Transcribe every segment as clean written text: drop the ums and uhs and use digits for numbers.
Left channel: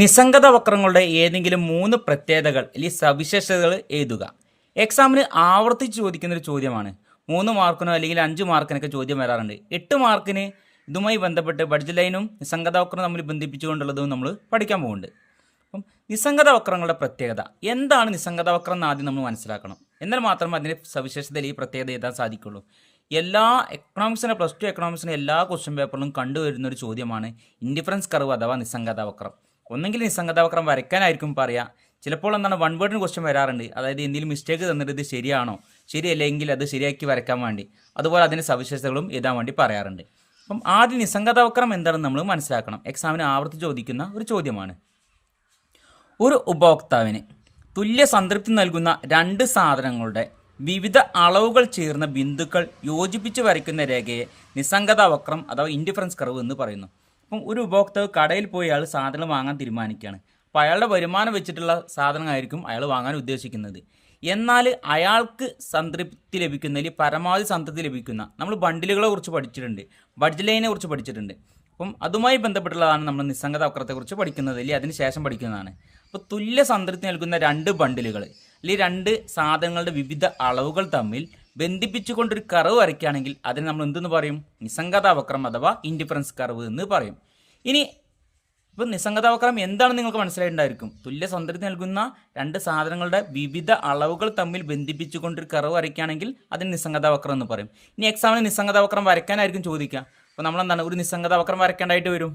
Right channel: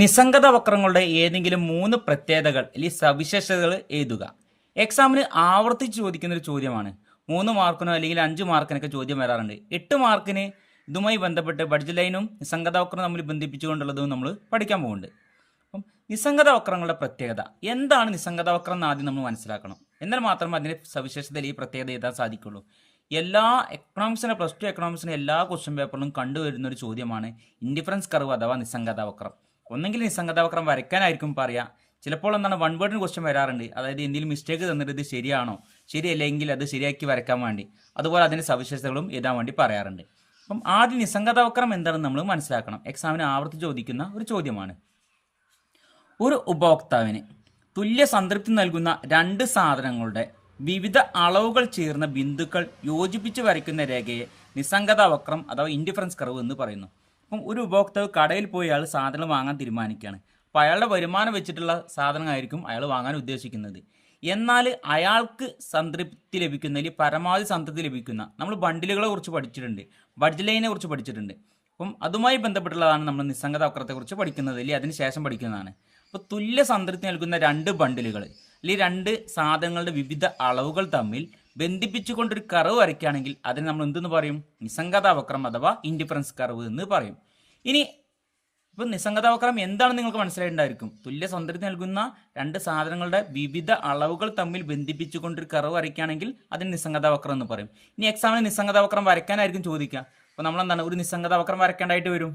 നിസ്സംഗത വക്രങ്ങളുടെ ഏതെങ്കിലും 3 പ്രത്യേകതകൾ അല്ലെങ്കിൽ സവിശേഷതകൾ എഴുതുക. എക്സാമിന് ആവർത്തിച്ച് ചോദിക്കുന്ന ഒരു ചോദ്യമാണ്. 3 മാർക്കിനോ അല്ലെങ്കിൽ 5 മാർക്കിനൊക്കെ ചോദ്യം വരാറുണ്ട്. 8 മാർക്കിന് ഇതുമായി ബന്ധപ്പെട്ട് ബഡ്ജറ്റ് ലൈനും നിസ്സംഗത വക്രം തമ്മിൽ ബന്ധിപ്പിച്ചുകൊണ്ടുള്ളതും നമ്മൾ പഠിക്കാൻ പോകുന്നുണ്ട്. അപ്പം നിസ്സംഗത വക്രങ്ങളുടെ പ്രത്യേകത എന്താണ്? നിസ്സംഗത വക്രം എന്ന് ആദ്യം നമ്മൾ മനസ്സിലാക്കണം. എന്നാൽ മാത്രമേ അതിൻ്റെ സവിശേഷത ഈ പ്രത്യേകത എഴുതാൻ സാധിക്കുള്ളൂ. എല്ലാ എക്കണോമിക്സിൻ്റെ പ്ലസ് 2 എക്കണോമിക്സിൻ്റെ എല്ലാ ക്വസ്റ്റ്യൻ പേപ്പറിലും കണ്ടുവരുന്ന ഒരു ചോദ്യമാണ് ഇൻഡിഫറൻസ് കർവ് അഥവാ നിസ്സംഗത വക്രം. ഒന്നെങ്കിൽ നിസ്സംഗത വക്രം വരയ്ക്കാനായിരിക്കും പറയാം. ചിലപ്പോൾ എന്താണ് വൺ വേർഡിന് ക്വസ്റ്റ്യൻ വരാറുണ്ട്. അതായത് എന്തെങ്കിലും മിസ്റ്റേക്ക് തന്നിട്ട് ഇത് ശരിയാണോ, ശരിയല്ലെങ്കിൽ അത് ശരിയാക്കി വരയ്ക്കാൻ വേണ്ടി, അതുപോലെ അതിൻ്റെ സവിശേഷതകളും എഴുതാൻ വേണ്ടി പറയാറുണ്ട്. അപ്പം ആദ്യം നിസ്സംഗത വക്രം എന്താണെന്ന് നമ്മൾ മനസ്സിലാക്കണം. എക്സാമിന് ആവർത്തിച്ച് ചോദിക്കുന്ന ഒരു ചോദ്യമാണ്. ഒരു ഉപഭോക്താവിന് തുല്യ സംതൃപ്തി നൽകുന്ന 2 സാധനങ്ങളുടെ വിവിധ അളവുകൾ ചേർന്ന ബിന്ദുക്കൾ യോജിപ്പിച്ച് വരയ്ക്കുന്ന രേഖയെ നിസ്സംഗത വക്രം അഥവാ ഇൻഡിഫറൻസ് കർവ് എന്ന് പറയുന്നു. അപ്പം ഒരു ഉപഭോക്താവ് കടയിൽ പോയി അയാൾ സാധനം വാങ്ങാൻ തീരുമാനിക്കുകയാണ്. അപ്പോൾ അയാളുടെ വരുമാനം വെച്ചിട്ടുള്ള സാധനമായിരിക്കും അയാൾ വാങ്ങാൻ ഉദ്ദേശിക്കുന്നത്. എന്നാൽ അയാൾക്ക് സംതൃപ്തി ലഭിക്കുന്ന അല്ലെങ്കിൽ പരമാവധി സംതൃപ്തി ലഭിക്കുന്ന, നമ്മൾ ബണ്ടിലുകളെ കുറിച്ച് പഠിച്ചിട്ടുണ്ട്, ബഡ്ജറ്റ് ലൈനെ കുറിച്ച് പഠിച്ചിട്ടുണ്ട്. അപ്പം അതുമായി ബന്ധപ്പെട്ടുള്ളതാണ് നമ്മൾ നിസ്സംഗത വക്രത്തെക്കുറിച്ച് പഠിക്കുന്നത്, അല്ലെങ്കിൽ അതിന് ശേഷം പഠിക്കുന്നതാണ്. അപ്പോൾ തുല്യ സംതൃപ്തി നൽകുന്ന 2 ബണ്ടിലുകൾ അല്ലെങ്കിൽ 2 സാധനങ്ങളുടെ വിവിധ അളവുകൾ തമ്മിൽ ബന്ധിപ്പിച്ചുകൊണ്ടൊരു കർവ് വരയ്ക്കുകയാണെങ്കിൽ അതിന് നമ്മൾ എന്തെന്ന് പറയും? നിസ്സംഗത വക്രം അഥവാ ഇൻഡിഫറൻസ് കർവ് എന്ന് പറയും. ഇനി ഇപ്പം നിസ്സംഗത വക്രം എന്താണെന്ന് നിങ്ങൾക്ക് മനസ്സിലായിട്ടുണ്ടായിരിക്കും. തുല്യ സംതൃപ്തി നൽകുന്ന 2 സാധനങ്ങളുടെ വിവിധ അളവുകൾ തമ്മിൽ ബന്ധിപ്പിച്ചുകൊണ്ടൊരു കർവ് വരയ്ക്കുകയാണെങ്കിൽ അതിന് നിസ്സംഗത വക്രം എന്ന് പറയും. ഇനി എക്സാമിന് നിസ്സംഗത വക്രം വരയ്ക്കാനായിരിക്കും ചോദിക്കുക. അപ്പോൾ നമ്മളെന്താണ് ഒരു നിസ്സംഗത വക്രം വരയ്ക്കേണ്ടതായിട്ട് വരും.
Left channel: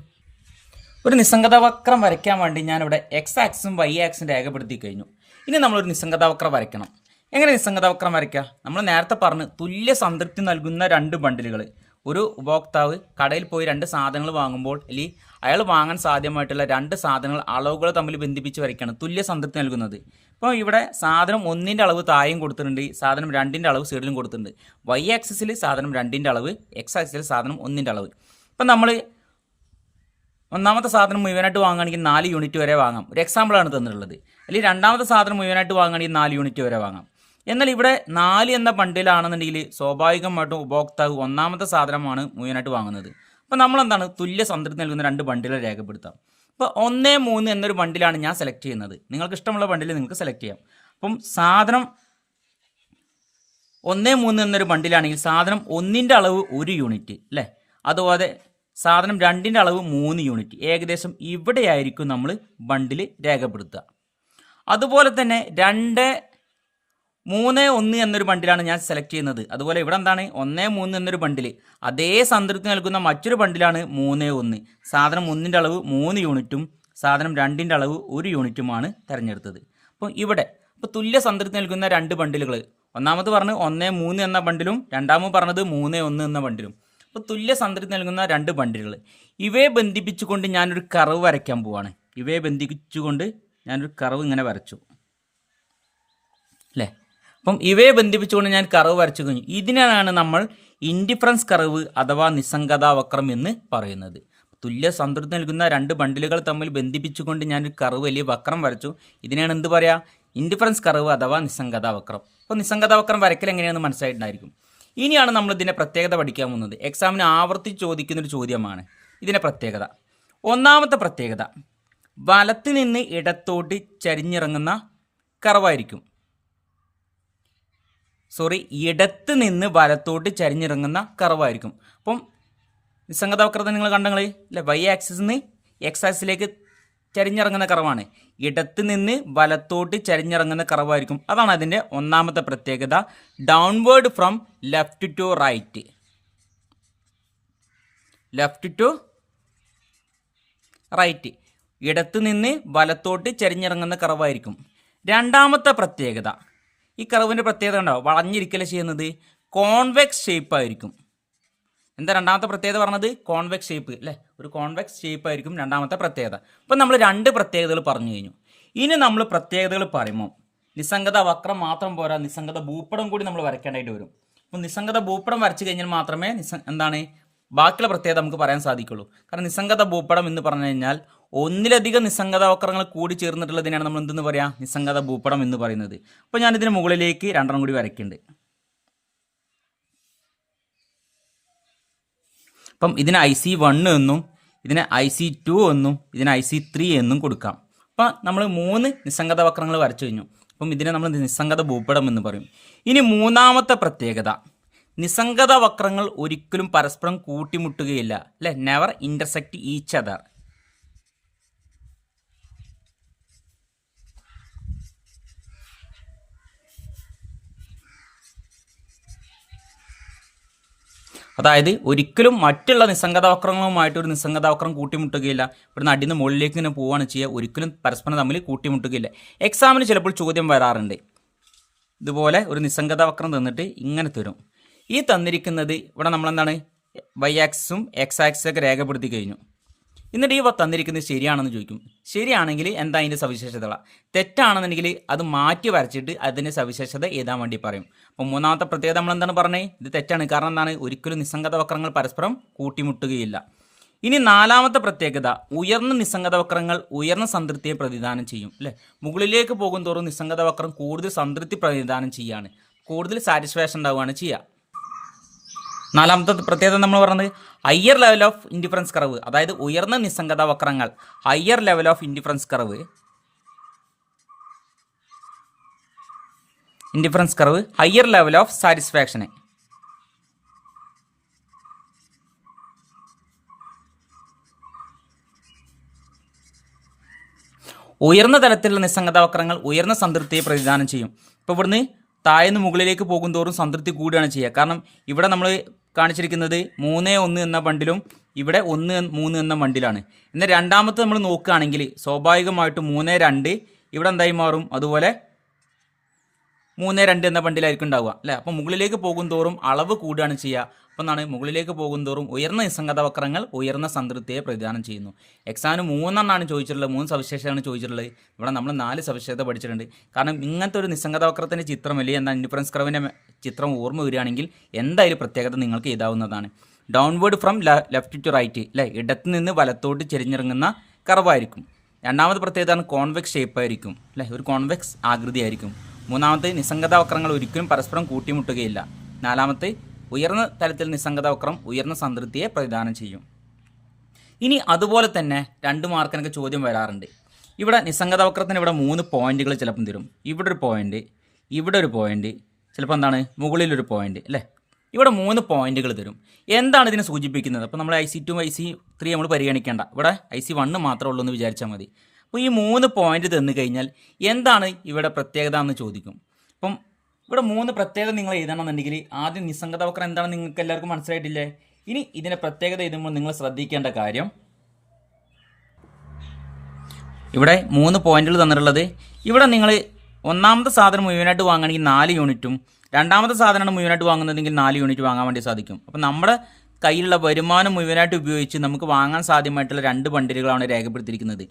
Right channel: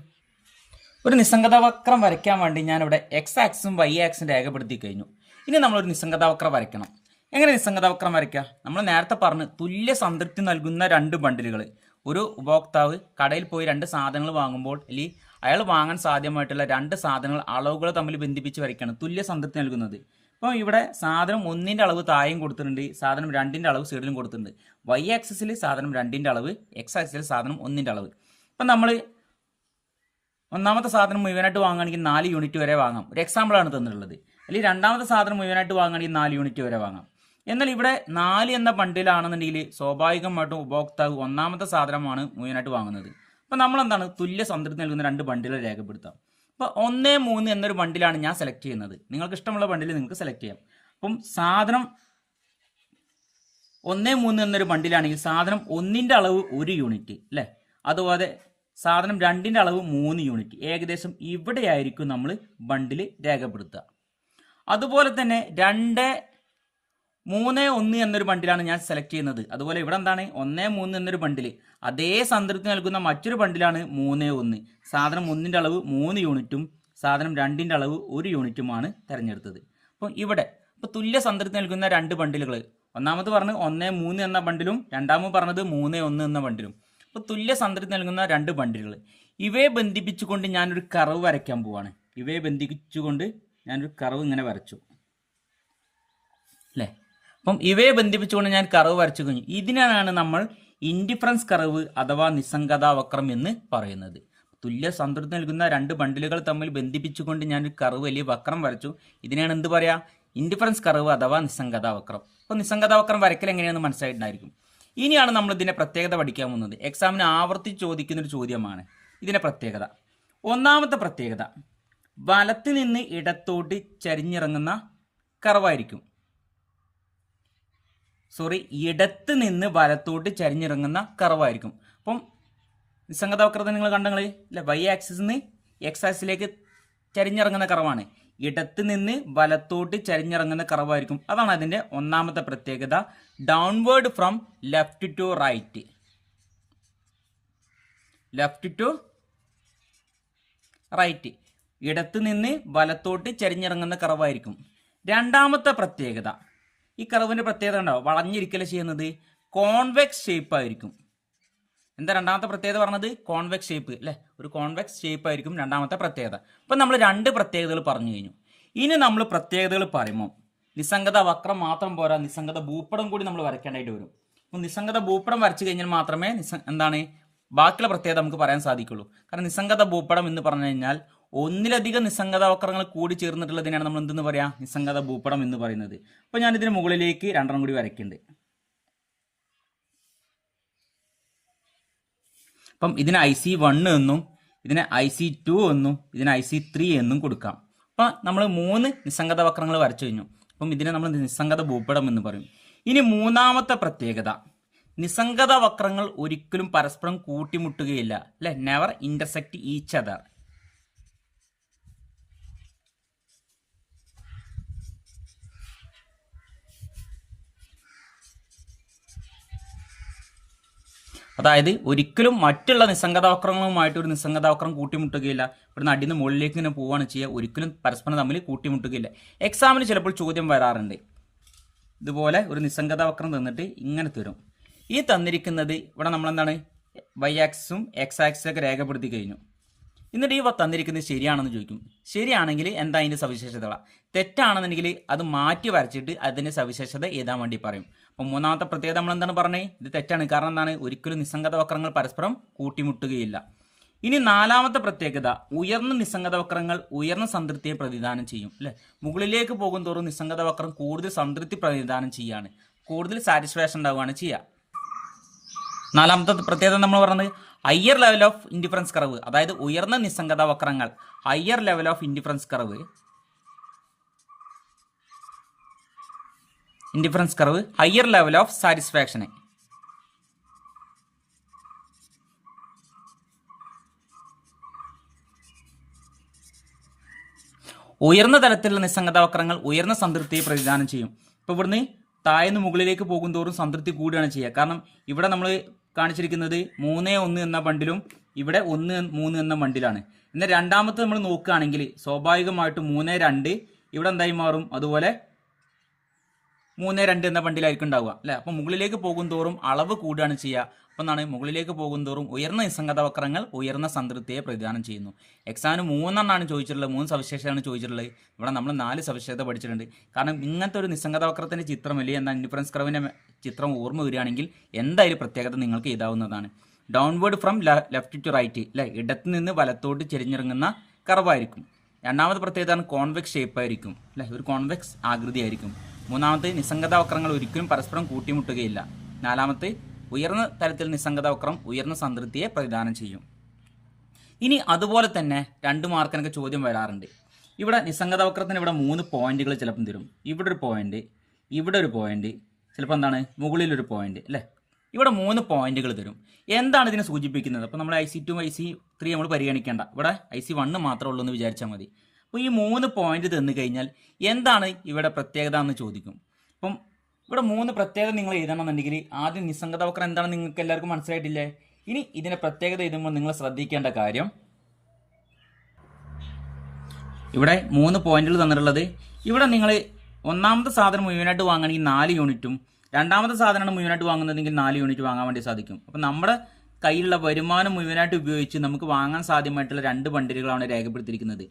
ഒരു നിസ്സംഗത വക്രം വരയ്ക്കാൻ വേണ്ടി ഞാനിവിടെ എക്സ് ആക്സും വൈ ആക്സും രേഖപ്പെടുത്തി കഴിഞ്ഞു. ഇനി നമ്മളൊരു നിസ്സംഗത വക്രം വരയ്ക്കണം. എങ്ങനെ നിസ്സംഗത വക്രം വരയ്ക്കുക? നമ്മൾ നേരത്തെ പറഞ്ഞ് തുല്യ സംതൃപ്തി നൽകുന്ന 2 ബണ്ടിലുകൾ. ഒരു ഉപഭോക്താവ് കടയിൽ പോയി 2 സാധനങ്ങൾ വാങ്ങുമ്പോൾ അല്ലെങ്കിൽ അയാൾ വാങ്ങാൻ സാധ്യമായിട്ടുള്ള 2 സാധനങ്ങൾ അളവുകൾ തമ്മിൽ ബന്ധിപ്പിച്ച് വരയ്ക്കുകയാണ് തുല്യ സംതൃപ്തി നൽകുന്നത്. ഇപ്പോൾ ഇവിടെ സാധനം 1ൻ്റെ അളവ് താഴെയും കൊടുത്തിട്ടുണ്ട്, സാധനം 2ൻ്റെ അളവ് സൈഡിലും കൊടുത്തിട്ടുണ്ട്. വൈ ആക്സിസിൽ സാധനം 2ൻ്റെ അളവ്, എക്സ് ആക്സിസിൽ സാധനം 1ൻ്റെ അളവ്. ഇപ്പം നമ്മൾ ഒന്നാമത്തെ സാധനം മുഴുവനായിട്ട് വാങ്ങുകയാണെങ്കിൽ 4 യൂണിറ്റ് വരെ വാങ്ങാം. ഒരു എക്സാമ്പിളാണ് തന്നിട്ടുള്ളത്. അല്ലെങ്കിൽ രണ്ടാമത്തെ സാധനം മുഴുവനായിട്ട് വാങ്ങുകയാണെങ്കിൽ 4 യൂണിറ്റ് വരെ വാങ്ങാം. എന്നാൽ ഇവിടെ 4 എന്ന ബണ്ടിലാണെന്നുണ്ടെങ്കിൽ സ്വാഭാവികമായിട്ടും ഉപഭോക്താവ് ഒന്നാമത്തെ സാധനമാണ് മുഴുവനായിട്ട് വാങ്ങുന്നത്. അപ്പോൾ നമ്മളെന്താണ് തുല്യ സംതൃപ്തി നൽകുന്ന 2 ബണ്ടിൽ രേഖപ്പെടുത്താം. ഇപ്പോൾ 1, 3 എന്നൊരു ബണ്ടിലാണ് ഞാൻ സെലക്ട് ചെയ്യുന്നത്. നിങ്ങൾക്ക് ഇഷ്ടമുള്ള ബണ്ടിൽ നിങ്ങൾക്ക് സെലക്ട് ചെയ്യാം. അപ്പം സാധനം 1, 3 എന്നൊരു ബണ്ടിലാണെങ്കിൽ സാധനം 1ൻ്റെ അളവ് 1 യൂണിറ്റ് അല്ലേ, അതുപോലെ സാധനം 2ൻ്റെ അളവ് 3 യൂണിറ്റ്. ഏകദേശം ഇവിടെയായിരിക്കും നമ്മൾ ബണ്ടിൽ രേഖപ്പെടുത്തുക. അതുപോലെ തന്നെ 2, 3, 1 എന്നൊരു ബണ്ടിലാണ് ഞാൻ സെലക്ട് ചെയ്യുന്നത്. അതുപോലെ ഇവിടെ എന്താണ് 1, 3 എന്നൊരു ബണ്ടിൽ, അതേ സംതൃപ്തി നൽകുന്ന മറ്റൊരു ബണ്ടിലാണ് 3, 1. സാധനം 1ൻ്റെ അളവ് 3 യൂണിറ്റും സാധനം 2ൻ്റെ അളവ് 1 യൂണിറ്റുമാണ് തിരഞ്ഞെടുത്തത്. അപ്പം ഇവിടെ തുല്യ സംതൃപ്തി നൽകുന്ന 2 ബണ്ടിലുകൾ, ഒന്നാമത് പറഞ്ഞ് 1, 3 എന്ന ബണ്ടിലും രണ്ടാമത് പറഞ്ഞത് 3, 1 എന്ന ബണ്ടിലും. അപ്പോൾ തുല്യ സംതൃപ്തി നൽകുന്ന 2 ബണ്ടിലുകൾ, ഇവയെ ബന്ധിപ്പിച്ചുകൊണ്ട് ഞാനൊരു കർവ് വരയ്ക്കാൻ പോവാണ്. ഇവയെ ബന്ധിപ്പിച്ചുകൊണ്ട് ഞാനൊരു കർവ് ഇങ്ങനെ വരച്ചു അല്ലേ. അപ്പം ഇവയെ ബന്ധിപ്പിച്ചുകൊണ്ട് ഞാൻ കർവ് വരച്ചു കഴിഞ്ഞു. ഇതിനാണ് നമ്മൾ ഇൻഡിഫറൻസ് കർവ് അഥവാ നിസ്സംഗത വക്രം എന്ന് പറയുന്നത്. തുല്യ സംതൃപ്തി നൽകുന്ന 2 ബണ്ടിലുകൾ തമ്മിൽ ബന്ധിപ്പിച്ചുകൊണ്ട് ഞാനൊരു കർവ് അല്ലെങ്കിൽ വക്രം വരച്ചു. ഇതിനാണ് എന്ത് പറയുക? ഇൻഡിഫറൻസ് കർവ് അഥവാ നിസ്സംഗത വക്രം. അപ്പോൾ നിസ്സംഗത വക്രം വരയ്ക്കൽ എങ്ങനെയാണെന്ന് മനസ്സിലായിട്ടുണ്ടായിരിക്കും. ഇനിയാണ് നമ്മൾ ഇതിൻ്റെ പ്രത്യേകത പഠിക്കാൻ പോകുന്നത്. എക്സാമിന് ആവർത്തിച്ച് ചോദിക്കുന്നൊരു ചോദ്യമാണ് ഇതിൻ്റെ പ്രത്യേകത. ഒന്നാമത്തെ പ്രത്യേകത, വലത്ത് നിന്ന് ഇടത്തോട്ട് ചരിഞ്ഞിറങ്ങുന്ന കർവായിരിക്കും. ഇടത്ത് നിന്ന് വലത്തോട്ട് ചരിഞ്ഞിറങ്ങുന്ന കർവായിരിക്കും. അപ്പം നിസ്സംഗത വക്രത നിങ്ങൾ കണ്ടങ്ങളെ അല്ലേ, വൈ ആക്സിസിൽ നിന്ന് എക്സ് ആക്സിസിലേക്ക് ചരിഞ്ഞിറങ്ങുന്ന കർവാണ്. ഇടത്ത് നിന്ന് വലത്തോട്ട് ചരിഞ്ഞിറങ്ങുന്ന കർവായിരിക്കും. അതാണ് അതിൻ്റെ ഒന്നാമത്തെ പ്രത്യേകത. Downward from left to right, left to right, ഇടത്ത് നിന്ന് വലത്തോട്ട് ചരിഞ്ഞിറങ്ങുന്ന കർവായിരിക്കും. രണ്ടാമത്തെ പ്രത്യേകത, ഈ കർവിൻ്റെ പ്രത്യേകത ഉണ്ടാവും, വളഞ്ഞിരിക്കല ചെയ്യുന്നത് കോൺവെക്സ് ഷേപ്പ് ആയിരിക്കും. എന്താ രണ്ടാമത്തെ പ്രത്യേകത പറഞ്ഞത്? കോൺവെക്സ് ഷേപ്പ് അല്ലേ, ഒരു കോൺവെക്സ് ഷേപ്പ് ആയിരിക്കും രണ്ടാമത്തെ പ്രത്യേകത. അപ്പം നമ്മൾ 2 പ്രത്യേകതകൾ പറഞ്ഞു കഴിഞ്ഞു. ഇനി നമ്മൾ പ്രത്യേകതകൾ പറയുമ്പോൾ നിസ്സംഗത വക്രം മാത്രം പോരാ, നിസ്സംഗത ഭൂപടം കൂടി നമ്മൾ വരയ്ക്കേണ്ടതായിട്ട് വരും. അപ്പം നിസ്സംഗത ഭൂപടം വരച്ചു കഴിഞ്ഞാൽ മാത്രമേ ബാക്കിയുള്ള പ്രത്യേകത നമുക്ക് പറയാൻ സാധിക്കുള്ളൂ. കാരണം നിസ്സംഗത ഭൂപടം എന്ന് പറഞ്ഞു കഴിഞ്ഞാൽ ഒന്നിലധികം നിസ്സംഗത വക്രങ്ങൾ കൂടി ചേർന്നിട്ടുള്ളതിനാണ് നമ്മൾ എന്തെന്ന് പറയാം? നിസ്സംഗത ഭൂപടം എന്ന് പറയുന്നത്. അപ്പോൾ ഞാനിതിന് മുകളിലേക്ക് 2 കൂടി വരയ്ക്കുന്നുണ്ട്. അപ്പം ഇതിന് IC1 എന്നും ഇതിനെ IC2 എന്നും ഇതിനെ IC3 എന്നും കൊടുക്കാം. അപ്പം നമ്മൾ 3 നിസ്സംഗത വക്രങ്ങൾ വരച്ചു കഴിഞ്ഞു. അപ്പം ഇതിനെ നമ്മൾ നിസ്സംഗത ഭൂപടം എന്ന് പറയും. ഇനി മൂന്നാമത്തെ പ്രത്യേകത, നിസ്സംഗത വക്രങ്ങൾ ഒരിക്കലും പരസ്പരം കൂട്ടിമുട്ടുകയില്ല, അല്ലെ? Never intersect each other. അതായത് ഒരിക്കലും മറ്റുള്ള നിസ്സംഗത വക്രങ്ങളുമായിട്ട് ഒരു നിസ്സംഗത വക്രം കൂട്ടിമുട്ടുകയില്ല. ഇവിടുന്ന് അടിന്ന് മുകളിലേക്ക് ഇങ്ങനെ പോവുകയാണ് ചെയ്യുക, ഒരിക്കലും പരസ്പരം തമ്മിൽ കൂട്ടിമുട്ടുകയില്ല. എക്സാമിന് ചിലപ്പോൾ ചോദ്യം വരാറുണ്ട്, ഇതുപോലെ ഒരു നിസ്സംഗത വക്രം തന്നിട്ട് ഇങ്ങനെ തരും. ഈ തന്നിരിക്കുന്നത് ഇവിടെ നമ്മളെന്താണ് വൈ ആക്സിസും എക്സ് ആക്സിസൊക്കെ രേഖപ്പെടുത്തി കഴിഞ്ഞു. എന്നിട്ട് ഈ തന്നിരിക്കുന്നത് ശരിയാണെന്ന് ചോദിക്കും. ശരിയാണെങ്കിൽ എന്താ അതിൻ്റെ സവിശേഷതകൾ, തെറ്റാണെന്നുണ്ടെങ്കിൽ അത് മാറ്റി വരച്ചിട്ട് അതിൻ്റെ സവിശേഷത എഴുതാൻ വേണ്ടി പറയും. അപ്പോൾ മൂന്നാമത്തെ പ്രത്യേകത നമ്മൾ എന്താണ് പറഞ്ഞത്, ഇത് തെറ്റാണ്. കാരണം എന്താണ്, ഒരിക്കലും നിസ്സംഗത വക്രങ്ങൾ പരസ്പരം കൂട്ടിമുട്ടുകയില്ല. ഇനി നാലാമത്തെ പ്രത്യേകത, ഉയർന്ന നിസ്സംഗത വക്രങ്ങൾ ഉയർന്ന സംതൃപ്തിയെ പ്രതിദാനം ചെയ്യും, അല്ലേ? മുകളിലേക്ക് പോകും തോറും നിസ്സംഗത വക്രം കൂടുതൽ സംതൃപ്തി പ്രതിദാനം ചെയ്യാണ്, കൂടുതൽ സാറ്റിസ്ഫാക്ഷൻ ഉണ്ടാവുകയാണ് ചെയ്യുക. നാലാമത്തെ പ്രത്യേകത നമ്മൾ പറഞ്ഞത് higher level of indifference curve, അതായത് ഉയർന്ന നിസ്സംഗത വക്രങ്ങൾ higher level of indifference curve higher level of സാറ്റിസ്ഫാക്ഷന്. ഉയർന്ന തലത്തിലുള്ള നിസ്സംഗത വക്രങ്ങൾ ഉയർന്ന സംതൃപ്തിയെ പ്രതിദാനം ചെയ്യും. ഇപ്പോൾ ഇവിടുന്ന് താഴ്ന്ന് മുകളിലേക്ക് പോകും തോറും സംതൃപ്തി കൂടുകയാണ് ചെയ്യുക. കാരണം ഇവിടെ നമ്മൾ കാണിച്ചിരിക്കുന്നത് 3-1 എന്ന ബണ്ടിലും ഇവിടെ 1-3 എന്ന ബണ്ടിലാണ്. എന്നാൽ രണ്ടാമത്തെ നമ്മൾ നോക്കുകയാണെങ്കിൽ സ്വാഭാവികമായിട്ടും 3-2 ഇവിടെ എന്തായി മാറും, അതുപോലെ 3-2 എന്ന ബണ്ടിലായിരിക്കും ഉണ്ടാവുക, അല്ലേ? അപ്പോൾ മുകളിലേക്ക് പോകും തോറും അളവ് കൂടുകയാണ് ചെയ്യുക. അപ്പം എന്താണ്, മുകളിലേക്ക് പോകും തോറും ഉയർന്ന നിസ്സംഗത വക്രങ്ങൾ ഉയർന്ന സംതൃപ്തിയെ പ്രതിദാനം ചെയ്യുന്നു. എക്സാമിന് 3 ചോദിച്ചിട്ടുള്ളത്, 3 സവിശേഷതയാണ് ചോദിച്ചിട്ടുള്ളത്. ഇവിടെ നമ്മൾ 4 സവിശേഷത പഠിച്ചിട്ടുണ്ട്. കാരണം ഇങ്ങനത്തെ ഒരു നിസ്സംഗത വക്രത്തിൻ്റെ ചിത്രം അല്ലെങ്കിൽ എന്താ ഇൻഡിഫറൻസ് കർവിൻ്റെ ചിത്രം ഓർമ്മ വരികയാണെങ്കിൽ എന്തായാലും പ്രത്യേകത നിങ്ങൾക്ക് എഴുതാവുന്നതാണ്. Downward from left to right, അല്ലേ? ഇടത്ത് നിന്ന് വലത്തോട്ട് ചെരിഞ്ഞിറങ്ങുന്ന കർവായിരിക്കും. രണ്ടാമത്തെ പ്രത്യേകത കോൺവെക്സ് ഷേപ്പ് ആയിരിക്കും, അല്ലേ? ഒരു കോൺവെക്സ് ആകൃതി ആയിരിക്കും. മൂന്നാമത്തെ നിസ്സംഗത വക്രങ്ങൾ ഒരിക്കലും പരസ്പരം കൂട്ടിമുട്ടുകയില്ല. നാലാമത്തെ ഉയർന്ന തലത്തിൽ നിസ്സംഗത വക്രം ഉയർന്ന സംതൃപ്തിയെ പ്രതിദാനം ചെയ്യും. ഇനി അതുപോലെ തന്നെ 2 മാർക്കിനൊക്കെ ചോദ്യം വരാറുണ്ട്. ഇവിടെ നിസ്സംഗത വക്രത്തിന് ഇവിടെ 3 പോയിന്റുകൾ ചിലപ്പം തരും. ഇവിടെ ഒരു പോയിന്റ്, ഇവിടെ ഒരു പോയിന്റ്, ചിലപ്പോൾ എന്താണ് മുകളിലൊരു പോയിന്റ്, അല്ലേ? ഇവിടെ 3 പോയിന്റുകൾ തരും. എന്താണ് ഇതിനെ സൂചിപ്പിക്കുന്നത്? അപ്പോൾ നമ്മൾ IC2 IC3 നമ്മൾ പരിഗണിക്കേണ്ട, ഇവിടെ IC1 മാത്രമേ ഉള്ളൂ എന്ന് വിചാരിച്ചാൽ മതി. അപ്പോൾ ഈ 3 പോയിന്റ് തന്നു കഴിഞ്ഞാൽ എന്താണ് ഇവിടെ പ്രത്യേകത എന്ന് ചോദിക്കും. അപ്പം ഇവിടെ 3 പ്രത്യേകത നിങ്ങൾ എഴുതണമെന്നുണ്ടെങ്കിൽ ആദ്യം നിസ്സംഗത വക്രം എന്താണെന്ന് നിങ്ങൾക്ക് എല്ലാവർക്കും മനസ്സിലായിട്ടില്ലേ? ഇനി ഇതിൻ്റെ പ്രത്യേകത എഴുതുമ്പോൾ നിങ്ങൾ ശ്രദ്ധിക്കേണ്ട കാര്യം, ഇവിടെ 3 പോയിന്റുകൾ തന്നിട്ടുള്ളത്. ഇവിടെ നിങ്ങൾ ഒന്നാമത്തെ സാധനം മുഴുവനായിട്ട് വാങ്ങുകയാണെങ്കിൽ 4 യൂണിറ്റും രണ്ടാമത്തെ സാധനമാണ് മുഴുവനായിട്ട് വാങ്ങുന്നതെങ്കിൽ 4 യൂണിറ്റ് വാങ്ങാൻ വേണ്ടി സാധിക്കും. അപ്പം നമ്മുടെ കയ്യിലുള്ള വരുമാനം മുഴുവനായിട്ട് ഉപയോഗിച്ച് നമുക്ക് വാങ്ങാൻ സാധ്യമായിട്ടുള്ള 2 ബണ്ടിലുകളാണ് രേഖപ്പെടുത്തിയിരിക്കുന്നത്.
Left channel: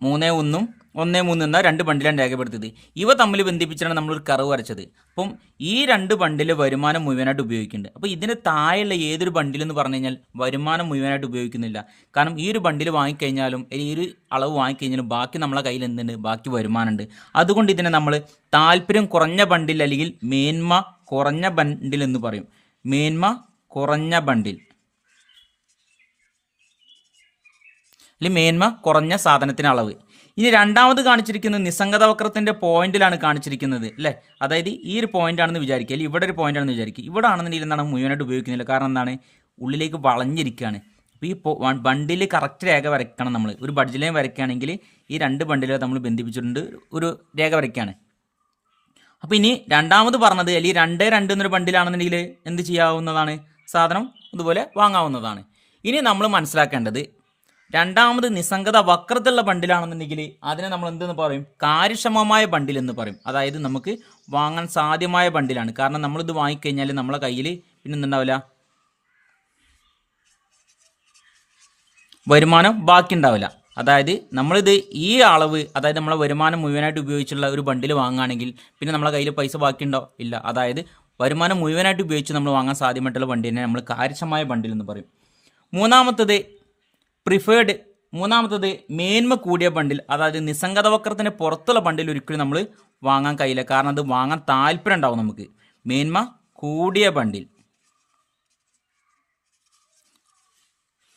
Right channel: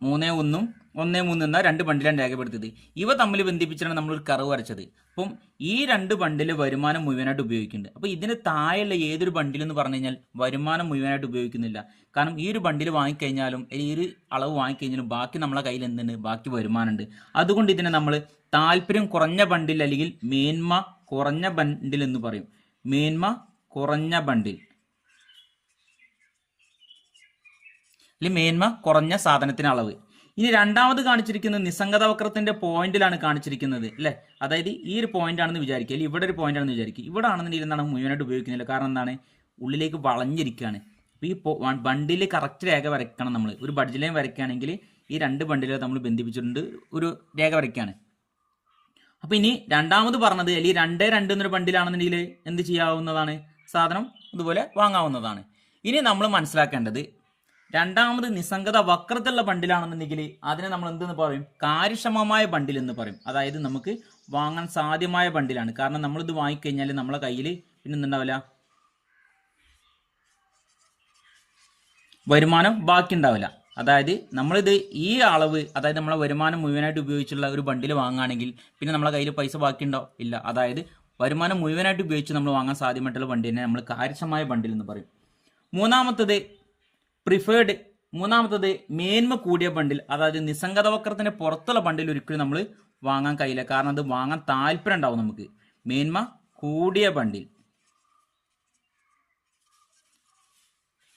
3-1 1-3 എന്ന 2 ബണ്ടിലാണ് രേഖപ്പെടുത്തിയത്. ഇവ തമ്മിൽ ബന്ധിപ്പിച്ചാണ് നമ്മളൊരു കർവ് വരച്ചത്. അപ്പം ഈ 2 ബണ്ടിൽ വരുമാനം മുഴുവനായിട്ട് ഉപയോഗിക്കുന്നുണ്ട്. അപ്പോൾ ഇതിന് താഴെയുള്ള ഏതൊരു ബണ്ടിലെന്ന് പറഞ്ഞു കഴിഞ്ഞാൽ വരുമാനം മുഴുവനായിട്ട് ഉപയോഗിക്കുന്നില്ല. കാരണം ഈ ഒരു ബണ്ടിൽ വാങ്ങിക്കഴിഞ്ഞാലും ഈ ഒരു അളവ് വാങ്ങിക്കഴിഞ്ഞാലും ബാക്കി നമ്മളെ കയ്യിൽ എന്തുണ്ട്, ബാക്കി വരുമാനമുണ്ട്. അതുകൊണ്ട് ഇതിനെ നമ്മൾ താല്പര്യം കുറഞ്ഞ ബണ്ടിൽ അല്ലെങ്കിൽ മേന്മ കുറഞ്ഞ ബണ്ടിൽ എന്ന് പറയും. മേന്മ കുറഞ്ഞ ബണ്ടിൽ അല്ലെങ്കിൽ മേന്മ കുറഞ്ഞ സാധനത്തിന് അളവ്. ഇനി രണ്ടാമത് കാണിച്ചിരിക്കുന്നത് നിസ്സംഗത വക്രത്തിൻ്റെ പോയിന്റിലാണ് കാണിച്ചിരിക്കുന്നത്, അല്ലേ? അതായത് ഈ ഒരു പോയിന്റ് ആണെന്ന് വിചാരിക്കുക, അല്ലെങ്കിൽ ഇവിടെ ഒരു പോയിന്റ് ആണെന്ന് വിചാരിക്കുക. ഇവിടെ ആണെന്നുണ്ടെങ്കിൽ എന്താണ് മുഴുവനായിട്ട് ഉപയോഗിക്കുന്നില്ല. കാരണം എന്താണ്, ഉള്ളിലേക്ക് വളഞ്ഞിരിക്കുകയാണ്. അപ്പോൾ ഈ ബണ്ടിൽ കറക്റ്റ് രേഖ വരയ്ക്കണം. നമ്മൾ ഒരു ബഡ്ജറ്റ് ലൈൻ വരയ്ക്കുകയാണെങ്കിൽ ഈ 2 ബണ്ടിലെ നമ്മൾ ബന്ധിപ്പിച്ചിട്ടുണ്ട് ഒരു രേഖ വരയ്ക്കുകയാണ്. അപ്പോൾ ഇനി രണ്ടാമത് പറഞ്ഞത് അല്ലെങ്കിൽ 2-2 എന്നൊരു ബണ്ടിലാണെന്നുണ്ടെങ്കിൽ എന്ത് ചെയ്യാവുന്നതാണ്, സാധനം ഇതുപോലെ വാങ്ങാവുന്നതാണ്. ഇനി നമ്മൾ മനസ്സിലാക്കേണ്ടത് രണ്ടാമത് നിസ്സംഗത വക്രത്തിലുള്ള ബണ്ടിലാണെന്നുണ്ടെങ്കിൽ അതിനെ നമ്മൾ എന്തെന്ന് പറയും, കാര്യക്ഷമമായ ബണ്ടിൽ എന്ന് പറയും. അതായത് നമുക്ക് വാങ്ങാൻ സാധ്യമായ ബണ്ടിലാണ്. കാരണം നമ്മളിത് വാങ്ങിക്കഴിഞ്ഞാൽ നമ്മളെ കയ്യിൽ പിന്നെ എന്തുണ്ടാവില്ല, വരുമാനം ബാക്കി ഉണ്ടാവില്ല. അതായത് നമ്മളിത് ഈ അളവ്, അതായത് നമ്മളെ വരുമാനം മുഴുവനായിട്ട് ഉപയോഗിച്ചുള്ള ഒരു ബണ്ടിൽ വാങ്ങുകയാണെങ്കിൽ പിന്നെ നമ്മളെ കയ്യിൽ പൈസ ബാക്കിയുണ്ടോ, ഇല്ല. അതായത് വരുമാനം മുഴുവനായിട്ട് ഉപയോഗിച്ച് നമ്മൾ വാങ്ങാൻ സാധ്യമായിട്ടുള്ള ബണ്ടിനെ നമ്മൾ കാര്യക്ഷമമായ ബണ്ടിൽ എന്ന് പറയും. മൂന്നാമത്തത് മേന്മ കൂടിയ ബണ്ടിൽ. അതായത് നിസ്സംഗത വക്രത്തിന് പുറത്തുള്ള ബണ്ടിൽ ഒരിക്കലും നമ്മൾ വാങ്ങാൻ കഴിയില്ല. കാരണം അത് വാങ്ങാൻ താല്പര്യം ഉണ്ടാവും നമുക്ക്. മേന്മ കൂടിയ ബണ്ടിൽ.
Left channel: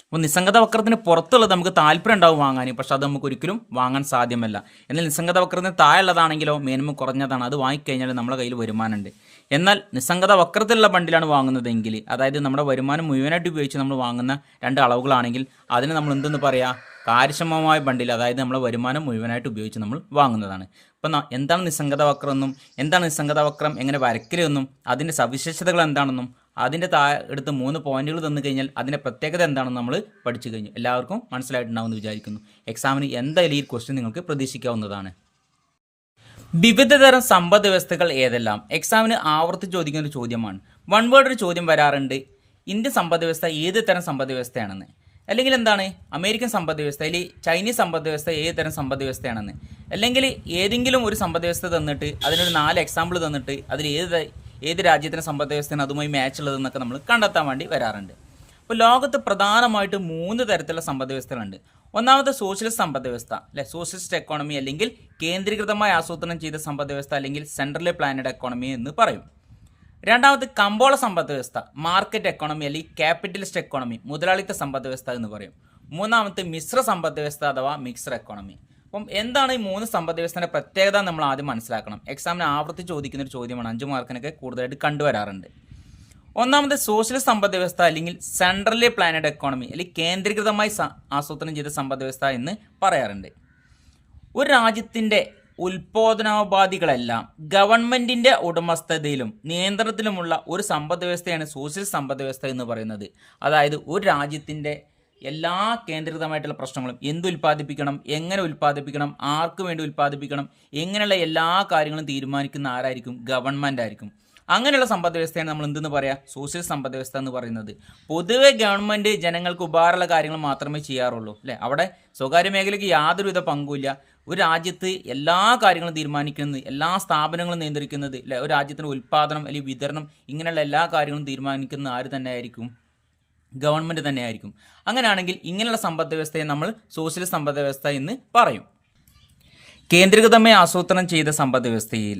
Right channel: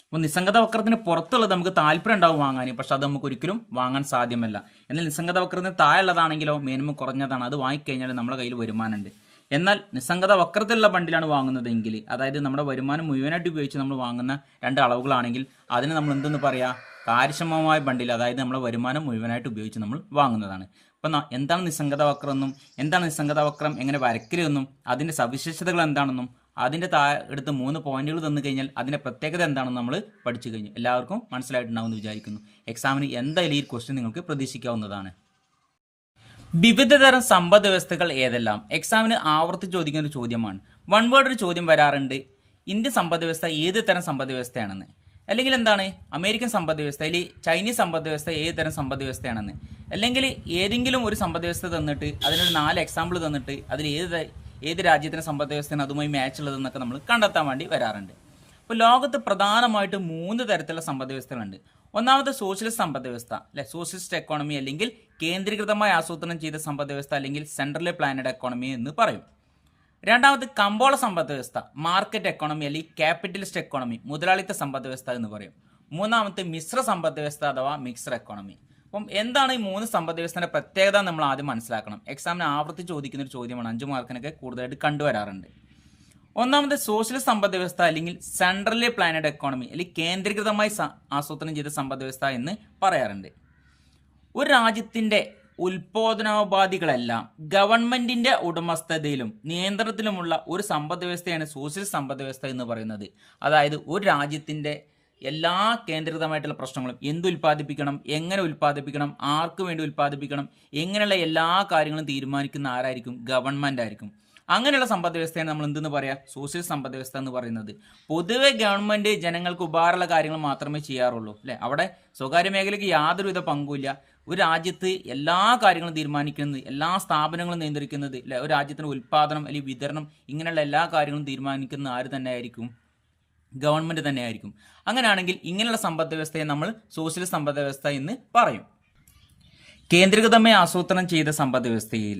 അപ്പോൾ നിസ്സംഗത വക്രത്തിന് പുറത്തുള്ളത് നമുക്ക് താല്പര്യം ഉണ്ടാവും വാങ്ങാൻ, പക്ഷെ അത് നമുക്ക് ഒരിക്കലും വാങ്ങാൻ സാധ്യമല്ല. എന്നാൽ നിസ്സംഗത വക്രത്തിന് താഴെയുള്ളതാണെങ്കിലോ മിനിമം കുറഞ്ഞതാണ്, അത് വാങ്ങിക്കഴിഞ്ഞാൽ നമ്മുടെ കയ്യിൽ വരുമാനമുണ്ട്. എന്നാൽ നിസ്സംഗത വക്രത്തിലുള്ള ബണ്ടിലാണ് വാങ്ങുന്നതെങ്കിൽ, അതായത് നമ്മുടെ വരുമാനം മുഴുവനായിട്ട് ഉപയോഗിച്ച് നമ്മൾ വാങ്ങുന്ന രണ്ട് അളവുകളാണെങ്കിൽ അതിന് നമ്മൾ എന്തെന്ന് പറയാം, കാര്യക്ഷമമായ ബണ്ടിൽ, അതായത് നമ്മുടെ വരുമാനം മുഴുവനായിട്ട് ഉപയോഗിച്ച് നമ്മൾ വാങ്ങുന്നതാണ്. അപ്പം എന്താണ് നിസ്സംഗത വക്രം എന്നും എന്താണ് നിസ്സംഗത വക്രം എങ്ങനെ വരയ്ക്കലെന്നും അതിൻ്റെ സവിശേഷതകൾ എന്താണെന്നും അതിൻ്റെ എടുത്ത് 3 പോയിന്റുകൾ തന്നു കഴിഞ്ഞാൽ അതിൻ്റെ പ്രത്യേകത എന്താണെന്ന് നമ്മൾ പഠിച്ചു കഴിഞ്ഞു. എല്ലാവർക്കും മനസ്സിലായിട്ടുണ്ടാവുമെന്ന് വിചാരിക്കുന്നു. എക്സാമിന് എന്തായാലും ഈ ക്വസ്റ്റ്യൻ നിങ്ങൾക്ക് പ്രതീക്ഷിക്കാവുന്നതാണ്. വിവിധ തരം സമ്പദ് വ്യവസ്ഥകൾ ഏതെല്ലാം? എക്സാമിന് ആവർത്തിച്ച് ചോദിക്കുന്ന ഒരു ചോദ്യമാണ്. വൺ വേർഡ് ഒരു ചോദ്യം വരാറുണ്ട്, ഇന്ത്യൻ സമ്പദ് വ്യവസ്ഥ ഏത് തരം സമ്പദ് വ്യവസ്ഥയാണെന്ന്, അല്ലെങ്കിൽ എന്താണ് അമേരിക്കൻ സമ്പദ് വ്യവസ്ഥ, അല്ലെങ്കിൽ ചൈനീസ് സമ്പദ് വ്യവസ്ഥ ഏത് തരം സമ്പദ് വ്യവസ്ഥയാണെന്ന്, അല്ലെങ്കിൽ ഏതെങ്കിലും ഒരു സമ്പദ് വ്യവസ്ഥ തന്നിട്ട് അതിനൊരു 4 എക്സാമ്പിൾ തന്നിട്ട് അതിൽ ഏത് രാജ്യത്തിൻ്റെ സമ്പദ് വ്യവസ്ഥയാണ് അതുമായി മാച്ച് ഉള്ളതെന്നൊക്കെ നമ്മൾ കണ്ടെത്താൻ വേണ്ടി വരാറുണ്ട്. അപ്പോൾ ലോകത്ത് പ്രധാനമായിട്ട് 3 തരത്തിലുള്ള സമ്പദ് വ്യവസ്ഥകളുണ്ട്. ഒന്നാമത്തെ സോഷ്യലിസ്റ്റ് സമ്പദ് വ്യവസ്ഥ, അല്ലെ, സോഷ്യലിസ്റ്റ് എക്കോണമി അല്ലെങ്കിൽ കേന്ദ്രീകൃതമായി ആസൂത്രണം ചെയ്ത സമ്പദ് വ്യവസ്ഥ അല്ലെങ്കിൽ സെൻട്രലി പ്ലാനഡ് എക്കോണമി എന്ന് പറയും. രണ്ടാമത് കമ്പോള സമ്പദ് വ്യവസ്ഥ, മാർക്കറ്റ് എക്കോണമി അല്ലെങ്കിൽ ക്യാപിറ്റലിസ്റ്റ് എക്കോണമി, മുതലാളിത്ത സമ്പദ് വ്യവസ്ഥ എന്ന് പറയും. മൂന്നാമത്തെ മിശ്ര സമ്പദ് വ്യവസ്ഥ അഥവാ മിക്സർ എക്കോണമി. അപ്പം എന്താണ് ഈ 3 സമ്പദ് വ്യവസ്ഥയുടെ പ്രത്യേകത നമ്മൾ ആദ്യം മനസ്സിലാക്കണം. എക്സാമിന് ആവർത്തിച്ച് ചോദിക്കുന്ന ഒരു ചോദ്യമാണ്, 5 മാർക്കിനൊക്കെ കൂടുതലായിട്ട് കണ്ടുവരാറുണ്ട്. ഒന്നാമത് സോഷ്യലിസ്റ്റ് സമ്പദ് വ്യവസ്ഥ അല്ലെങ്കിൽ സെൻട്രലി പ്ലാനഡ് എക്കോണമി അല്ലെങ്കിൽ കേന്ദ്രീകൃതമായി ആസൂത്രണം ചെയ്ത സമ്പദ് വ്യവസ്ഥ എന്ന് പറയാറുണ്ട്. ഒരു രാജ്യത്തിൻ്റെ ഉൽപാദനോപാധികളെല്ലാം ഗവൺമെന്റിന്റെ ഉടമസ്ഥതയിലും നിയന്ത്രണത്തിലുമുള്ള ഒരു സമ്പദ് വ്യവസ്ഥയാണ് സോഷ്യലിസ്റ്റ് സമ്പദ് വ്യവസ്ഥ എന്ന് പറയുന്നത്. അതായത് ഒരു രാജ്യത്തിന്റെ എല്ലാ കേന്ദ്രീകൃതമായിട്ടുള്ള പ്രശ്നങ്ങളും, എന്ത് ഉൽപ്പാദിപ്പിക്കണം, എങ്ങനെ ഉൽപ്പാദിപ്പിക്കണം, ആർക്ക് വേണ്ടി ഉൽപ്പാദിപ്പിക്കണം, എങ്ങനെയുള്ള എല്ലാ കാര്യങ്ങളും തീരുമാനിക്കുന്ന ആരായിരിക്കും? ഗവൺമെന്റ് ആയിരിക്കും. അങ്ങനെയുള്ള സമ്പദ് വ്യവസ്ഥയാണ് നമ്മൾ എന്തെന്ന് പറയാം? സോഷ്യലിസ്റ്റ് സമ്പദ് വ്യവസ്ഥ എന്ന് പറയുന്നത്. പൊതുവെ ഗവൺമെന്റ് ജനങ്ങൾക്ക് ഉപകാരമുള്ള കാര്യങ്ങൾ മാത്രമേ ചെയ്യാറുള്ളൂ, അല്ലെ? അവിടെ സ്വകാര്യ മേഖലയ്ക്ക് യാതൊരുവിധ പങ്കുമില്ല. ഒരു രാജ്യത്ത് എല്ലാ കാര്യങ്ങളും തീരുമാനിക്കുന്നത്, എല്ലാ സ്ഥാപനങ്ങളും നിയന്ത്രിക്കുന്നത്, അല്ലെ, ഒരു രാജ്യത്തിൻ്റെ ഉൽപ്പാദനം അല്ലെങ്കിൽ വിതരണം, ഇങ്ങനെയുള്ള എല്ലാ കാര്യങ്ങളും തീരുമാനിക്കുന്ന ആര് തന്നെ ആയിരിക്കും? ഗവൺമെന്റ് തന്നെ ആയിരിക്കും. അങ്ങനെയാണെങ്കിൽ ഇങ്ങനെയുള്ള സമ്പദ് വ്യവസ്ഥയെ നമ്മൾ സോഷ്യലിസ്റ്റ് സമ്പദ് വ്യവസ്ഥ എന്ന് പറയും. കേന്ദ്രീകൃതമായി ആസൂത്രണം ചെയ്ത സമ്പദ് വ്യവസ്ഥയിൽ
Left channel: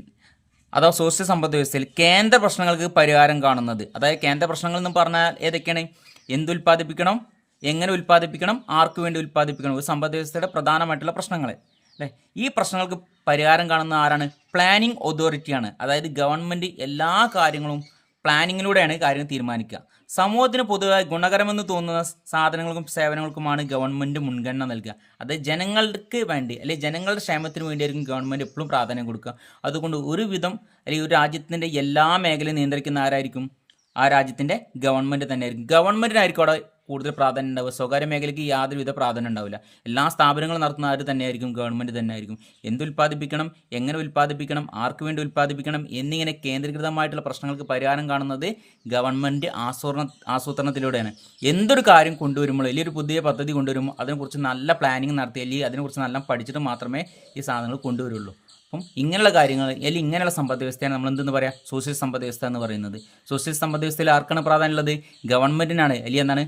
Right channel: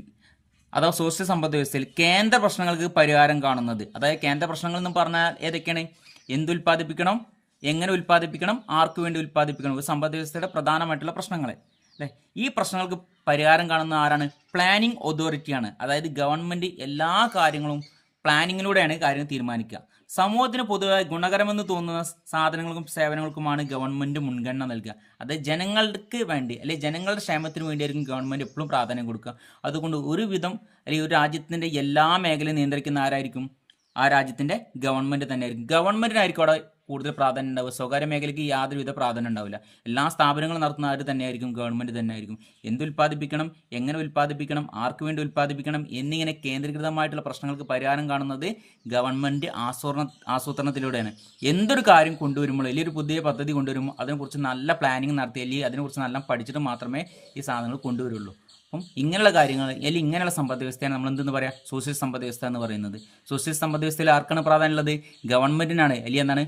അഥവാ സോഷ്യൽ സമ്പദ് വ്യവസ്ഥയിൽ കേന്ദ്ര പ്രശ്നങ്ങൾക്ക് പരിഹാരം കാണുന്നത്, അതായത് കേന്ദ്ര പ്രശ്നങ്ങൾ എന്ന് പറഞ്ഞാൽ ഏതൊക്കെയാണ്? എന്തുൽപ്പാദിപ്പിക്കണം, എങ്ങനെ ഉൽപ്പാദിപ്പിക്കണം, ആർക്ക് വേണ്ടി ഉൽപ്പാദിപ്പിക്കണം, ഒരു സമ്പദ് വ്യവസ്ഥയുടെ പ്രധാനമായിട്ടുള്ള പ്രശ്നങ്ങൾ, അല്ലേ? ഈ പ്രശ്നങ്ങൾക്ക് പരിഹാരം കാണുന്ന ആരാണ്? പ്ലാനിംഗ് അതോറിറ്റിയാണ്. അതായത് ഗവൺമെന്റ് എല്ലാ കാര്യങ്ങളും പ്ലാനിങ്ങിലൂടെയാണ് കാര്യങ്ങൾ തീരുമാനിക്കുക. സമൂഹത്തിന് പൊതുവായി ഗുണകരമെന്ന് തോന്നുന്ന സാധനങ്ങൾക്കും സേവനങ്ങൾക്കുമാണ് ഗവൺമെന്റ് മുൻഗണന നൽകുക. അത് ജനങ്ങൾക്ക് വേണ്ടി അല്ലെങ്കിൽ ജനങ്ങളുടെ ക്ഷേമത്തിന് വേണ്ടിയായിരിക്കും ഗവൺമെന്റ് എപ്പോഴും പ്രാധാന്യം കൊടുക്കുക. അതുകൊണ്ട് ഒരുവിധം അല്ലെങ്കിൽ ഒരു രാജ്യത്തിന്റെ എല്ലാ മേഖലയും നിയന്ത്രിക്കുന്ന ആരായിരിക്കും? ആ രാജ്യത്തിന്റെ ഗവൺമെന്റ് തന്നെയായിരിക്കും. ഗവൺമെന്റിനായിരിക്കും അവിടെ കൂടുതൽ പ്രാധാന്യം ഉണ്ടാവുക. സ്വകാര്യ മേഖലയ്ക്ക് യാതൊരുവിധ പ്രാധാന്യം ഉണ്ടാവില്ല. എല്ലാ സ്ഥാപനങ്ങളും നടത്തുന്ന ആര് തന്നെയായിരിക്കും? ഗവൺമെന്റ് തന്നെയായിരിക്കും. എന്തുൽപ്പാദിപ്പിക്കണം, എങ്ങനെ ഉൽപ്പാദിപ്പിക്കണം, ആർക്ക് വേണ്ടി ഉൽപ്പാദിപ്പിക്കണം എന്നിങ്ങനെ കേന്ദ്രീകൃതമായിട്ടുള്ള പ്രശ്നങ്ങൾക്ക് പരിഹാരം കാണുന്നത് ഗവൺമെന്റ് ആസൂത്രണത്തിലൂടെയാണ്. എന്തൊരു കാര്യം കൊണ്ടുവരുമ്പോൾ അല്ലെങ്കിൽ ഒരു പുതിയ പദ്ധതി കൊണ്ടുവരുമ്പോൾ അതിനെക്കുറിച്ച് നല്ല പ്ലാനിങ് നടത്തി അല്ലെങ്കിൽ അതിനെക്കുറിച്ച് നല്ല പഠിച്ചിട്ട് മാത്രമേ ഈ സാധനങ്ങൾ കൊണ്ടുവരുള്ളൂ. അപ്പം ഇങ്ങനെയുള്ള കാര്യങ്ങൾ അല്ലെങ്കിൽ ഇങ്ങനെയുള്ള സമ്പദ് വ്യവസ്ഥയാണ് നമ്മൾ എന്തെന്ന് പറയാം? സോഷ്യലിസ്റ്റ് സമ്പദ് വ്യവസ്ഥ എന്ന് പറയുന്നത്. സോഷ്യലിസ്റ്റ് സമ്പദ് വ്യവസ്ഥയിൽ ആർക്കാണ് പ്രാധാന്യമുള്ളത്? ഗവൺമെന്റിനാണ്. അല്ലെങ്കിൽ എന്താണ്?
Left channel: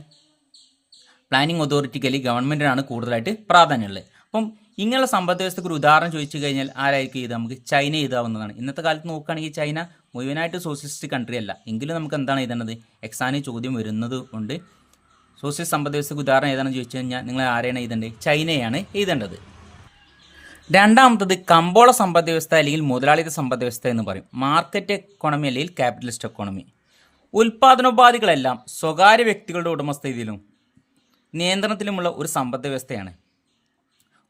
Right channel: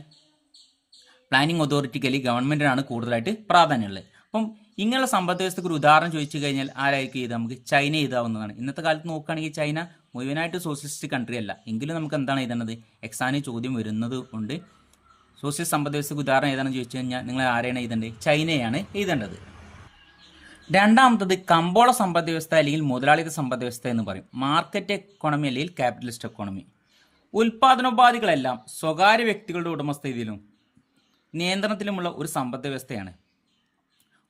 പ്ലാനിംഗ് അതോറിറ്റിക്ക് അല്ലെങ്കിൽ ഗവൺമെന്റിനാണ് കൂടുതലായിട്ട് പ്രാധാന്യമുള്ളത്. അപ്പം ഇങ്ങനെയുള്ള സമ്പദ് വ്യവസ്ഥയ്ക്ക് ഒരു ഉദാഹരണം ചോദിച്ചു കഴിഞ്ഞാൽ ആരായിരിക്കും ഇത്? നമുക്ക് ചൈന എഴുതാവുന്നതാണ്. ഇന്നത്തെ കാലത്ത് നോക്കുകയാണെങ്കിൽ ചൈന മുഴുവനായിട്ട് സോഷ്യലിസ്റ്റ് കൺട്രി അല്ല, എങ്കിലും നമുക്ക് എന്താണ് എഴുതേണ്ടത്? എക്സാമിന് ചോദ്യം വരുന്നത് കൊണ്ട് സോഷ്യലിസ്റ്റ് സമ്പദ് വ്യവസ്ഥയ്ക്ക് ഉദാഹരണം ഏതാണെന്ന് ചോദിച്ചു കഴിഞ്ഞാൽ നിങ്ങൾ ആരെയാണ് എഴുതേണ്ടത്? ചൈനയാണ് എഴുതേണ്ടത്. രണ്ടാമത്തത് കമ്പോള സമ്പദ് വ്യവസ്ഥ അല്ലെങ്കിൽ മുതലാളിത്ത സമ്പദ് വ്യവസ്ഥ എന്ന് പറയും. മാർക്കറ്റ് എക്കോണമി അല്ലെങ്കിൽ ക്യാപിറ്റലിസ്റ്റ് എക്കോണമി. ഉൽപാദനോപാധികളെല്ലാം സ്വകാര്യ വ്യക്തികളുടെ ഉടമസ്ഥതയിലും നിയന്ത്രണത്തിലുമുള്ള ഒരു സമ്പദ് വ്യവസ്ഥയാണ്.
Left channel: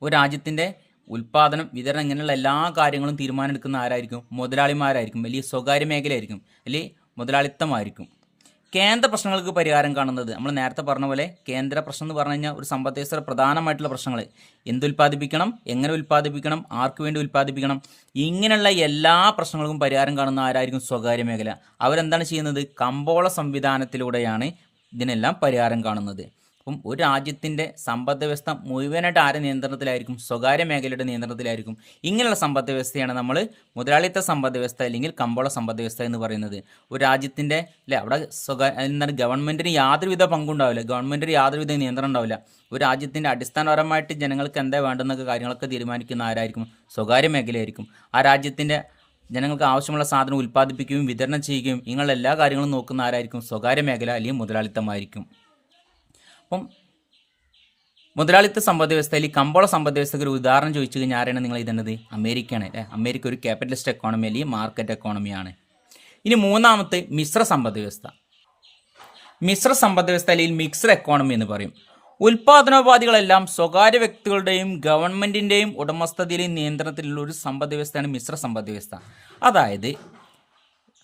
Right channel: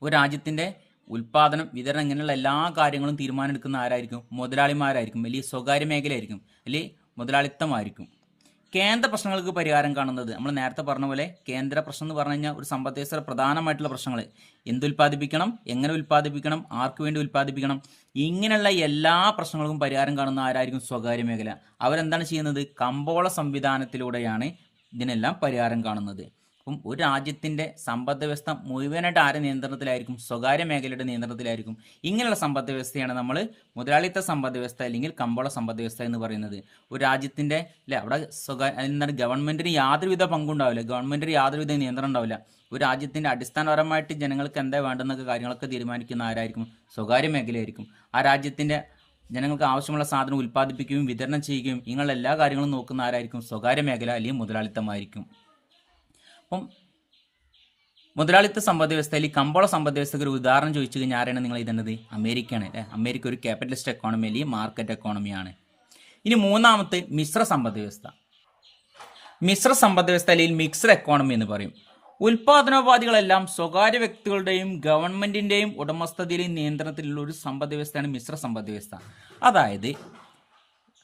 ഒരു രാജ്യത്തിൻ്റെ ഉൽപാദനം, വിതരണം ഇങ്ങനെയുള്ള എല്ലാ കാര്യങ്ങളും തീരുമാനമെടുക്കുന്ന ആരായിരിക്കും? മുതലാളിമാരായിരിക്കും, അല്ലെങ്കിൽ സ്വകാര്യ മേഖലയായിരിക്കും, അല്ലെങ്കിൽ മുതലാളിത്തമായിരിക്കും. കേന്ദ്ര പ്രശ്നങ്ങൾക്ക് പരിഹാരം കാണുന്നത് നമ്മൾ നേരത്തെ പറഞ്ഞ പോലെ കേന്ദ്ര പ്രശ്നം എന്ന് പറഞ്ഞു കഴിഞ്ഞാൽ ഒരു സമ്പദ് വ്യവസ്ഥയുടെ പ്രധാനമായിട്ടുള്ള പ്രശ്നങ്ങൾ എന്തുൽപ്പാദിപ്പിക്കണം, എങ്ങനെ ഉൽപ്പാദിപ്പിക്കണം, ആർക്ക് വേണ്ടി ഉൽപ്പാദിപ്പിക്കണം, ഇങ്ങനെയുള്ള എല്ലാ പ്രശ്നങ്ങൾക്കും പരിഹാരം കാണുന്ന ആരായിരിക്കും? സ്വകാര്യ മേഖല. അവരെന്താണ് ചെയ്യുന്നത്? കമ്പോള സംവിധാനത്തിലൂടെയാണ് ഇതിനെല്ലാം പരിഹാരം കാണുന്നത്. അപ്പം ഒരു രാജ്യത്തിൻ്റെ സമ്പദ് വ്യവസ്ഥ മുഴുവനായിട്ട് ആരുടെ നിയന്ത്രണത്തിലായിരിക്കും? സ്വകാര്യ മേഖലയുടെ നിയന്ത്രണത്തിലായിരിക്കും. ഇങ്ങനെയുള്ള സമ്പദ് വ്യവസ്ഥയാണ് നമ്മൾ മുതലാളിത്ത സമ്പദ് വ്യവസ്ഥ അല്ലെങ്കിൽ കമ്പോള സമ്പദ് വ്യവസ്ഥ എന്ന് പറയുന്നത്. ഒരു രാജ്യത്തിൻ്റെ അല്ലെ അവിടെ എന്താണ് ഗവൺമെൻറ്റിന് യാതൊരുവിധ പങ്കുണ്ടാവില്ല, ഗവൺമെൻറ്റിന് യാതൊരുവിധ നിയന്ത്രണം ഉണ്ടാവില്ല. ഒരു രാജ്യത്തിൻ്റെ അടിസ്ഥാനപരമായിട്ട് ജനങ്ങൾക്ക് എന്താ വേണ്ടെന്നൊക്കെ കാര്യങ്ങളൊക്കെ തീരുമാനിക്കുന്ന ആരായിരിക്കും? സ്വകാര്യ മേഖലയായിരിക്കും. ആ രാജ്യത്തിൻ്റെ ജനങ്ങൾക്ക് ആവശ്യമുള്ള സാധനം ഉൽപ്പാദിപ്പിക്കുകയും വിതരണം ചെയ്യുകയും ഇങ്ങനെയുള്ള എല്ലാ കാര്യങ്ങളും നോക്കുന്ന ആരായിരിക്കും? സ്വകാര്യ മേഖല അല്ലെങ്കിൽ മുതലാളിത്തമായിരിക്കും. അപ്പം മുതലാളിത്ത സമ്പദ് വ്യവസ്ഥയിൽ ഈ കമ്പോള സമ്പദ് വ്യവസ്ഥയ്ക്ക് ഒരു ഉദാഹരണം ചോദിച്ചു കഴിഞ്ഞാൽ ആരാണ് നിങ്ങൾ ഇതുന്നത്? അമേരിക്കയാണ് അല്ലേ. അമേരിക്ക ഒരു ക്യാപിറ്റലിസ്റ്റ് എക്കോണമി അല്ലെങ്കിൽ മാർക്കറ്റ് എക്കോണമിയാണ്. ഇനി മൂന്നാമത്തെ മിശ്ര സമ്പദ് വ്യവസ്ഥ. മിശ്ര സമ്പദ് വ്യവസ്ഥ അല്ലെങ്കിൽ മിക്സ്ഡ് എക്കോണമി എന്ന് പറയും. ഉൽപാദനോപാധികളെല്ലാം സ്വകാര്യ വ്യക്തികളുടെയും ഗവൺമെന്റിന്റെയും ഉടമസ്ഥതയിലെയും നിയന്ത്രണത്തിലുള്ള ഒരു സമ്പദ് വ്യവസ്ഥയാണ് മിശ്ര സമ്പദ് വ്യവസ്ഥ. അതായത്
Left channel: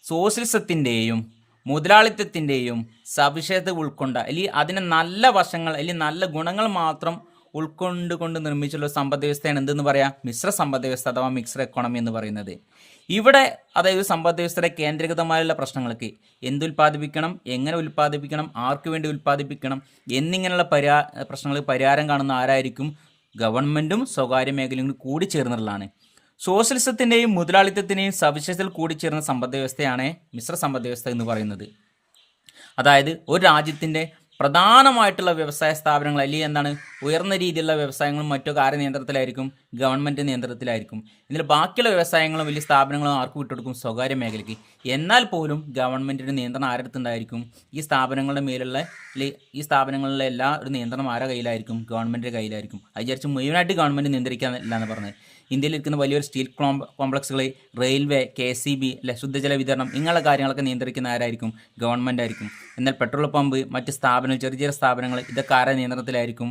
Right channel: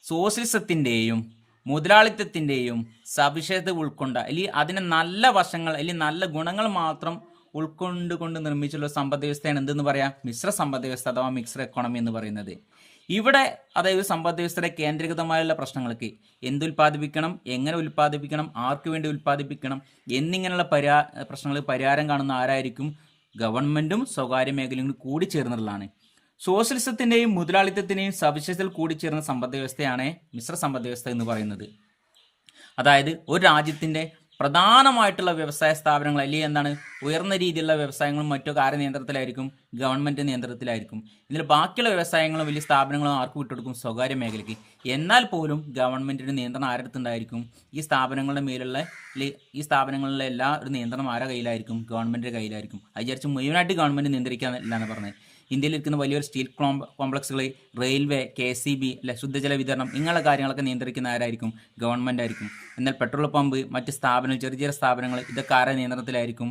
സോഷ്യലിസത്തിൻ്റെയും മുതലാളിത്തത്തിൻ്റെയും സവിശേഷത ഉൾക്കൊണ്ട അല്ലെങ്കിൽ അതിന് നല്ല വശങ്ങൾ അല്ലെങ്കിൽ നല്ല ഗുണങ്ങൾ മാത്രം ഉൾക്കൊണ്ടുകൊണ്ട് നിർമ്മിച്ചുള്ള സമ്പദ് വ്യവസ്ഥയാണ് എന്തെന്ന് പറയാം? മിശ്ര സമ്പദ് വ്യവസ്ഥ അഥവാ മിക്സ്ഡ് എക്കോണമി എന്ന് പറയുന്നത്. ഇവിടെ അതായത് സമ്പദ് വ്യവസ്ഥയുടെ കേന്ദ്രീകൃതമായുള്ള പ്രശ്നങ്ങൾക്ക് എന്തുൽപ്പാദിപ്പിക്കണം, എങ്ങനെ ഉൽപ്പാദിപ്പിക്കണം, ആർക്കു വേണ്ടി ഉൽപ്പാദിപ്പിക്കണം എന്നിങ്ങനെയുള്ള പ്രശ്നങ്ങൾക്ക് പരിഹാരം കാണുന്ന ആരായിരിക്കും? ഗവൺമെൻറ്റും സ്വകാര്യ മേഖലയും കൂടി ചേർന്നുള്ളതാണ്. സോഷ്യലിസത്തിൻ്റെയും മുതലാളിത്തത്തിൻ്റെയും സവിശേഷതകൾ കൂടിച്ചേർന്ന സമ്പദ് വ്യവസ്ഥയാണ് മിശ്ര സമ്പദ് വ്യവസ്ഥ എന്ന് പറയുന്നത്. അതായത് ഒരു രാജ്യത്തിൻ്റെ പ്രധാനമായിട്ടുള്ള വ്യവസായ സ്ഥാപനങ്ങൾ അല്ലെങ്കിൽ എന്താണ് ഉയർന്ന രീതിയിലുള്ള വ്യവസായങ്ങളും മറ്റൊക്കെ ആരുടെ നിയന്ത്രണത്തിലായിരിക്കും? ഗവൺമെൻറ് നിയന്ത്രണത്തിലായിരിക്കും. ഇതിൽ ബാക്കിയുള്ള വ്യവസായങ്ങളും വലിയ സ്ഥാപനങ്ങളും ആർക്ക് വിട്ടുകൊടുക്കും? സ്വകാര്യ മേഖലയ്ക്ക്. എന്നാൽ പോലും ഗവൺമെൻറ്റിൻ്റെ നിയന്ത്രണം ആരടുത്തുണ്ടായിരിക്കും? ഈ സ്ഥാപനങ്ങളുടെ മേലുള്ള ഈ സ്ഥാപനങ്ങളിലെ എല്ലാ ഒരു നിയന്ത്രണം ആരുടെ കയ്യിലായിരിക്കും? ഗവൺമെൻറ്റിൻ്റെ കയ്യിലായിരിക്കും. അത് വിചാരിച്ച് മുഴുവനായിട്ട് ഗവൺമെൻറ് നിയന്ത്രിക്കാനില്ല എന്ന് പറഞ്ഞത്. ഇന്ത്യയിൽ ഇരിക്കുന്ന വലിയൊരു സ്റ്റീൽ കോംപ്ലക്സുകൾ, റെയിൽവേ, KCB അല്ലെ, ശുദ്ധജല വിതരണം ഇങ്ങനെയുള്ള കാര്യങ്ങളൊക്കെ നിയന്ത്രിക്കുന്ന ആരായിരിക്കും? ഗവൺമെൻറ് ആയിരിക്കും. എന്നാൽ പെട്രോൾ പമ്പ്, മറ്റ് സ്ഥാപനങ്ങൾ, ചെറിയ ചെറിയ സ്ഥാപനങ്ങൾ ഇതൊക്കെ ആരുടെ നിയന്ത്രണത്തിലായിരിക്കും?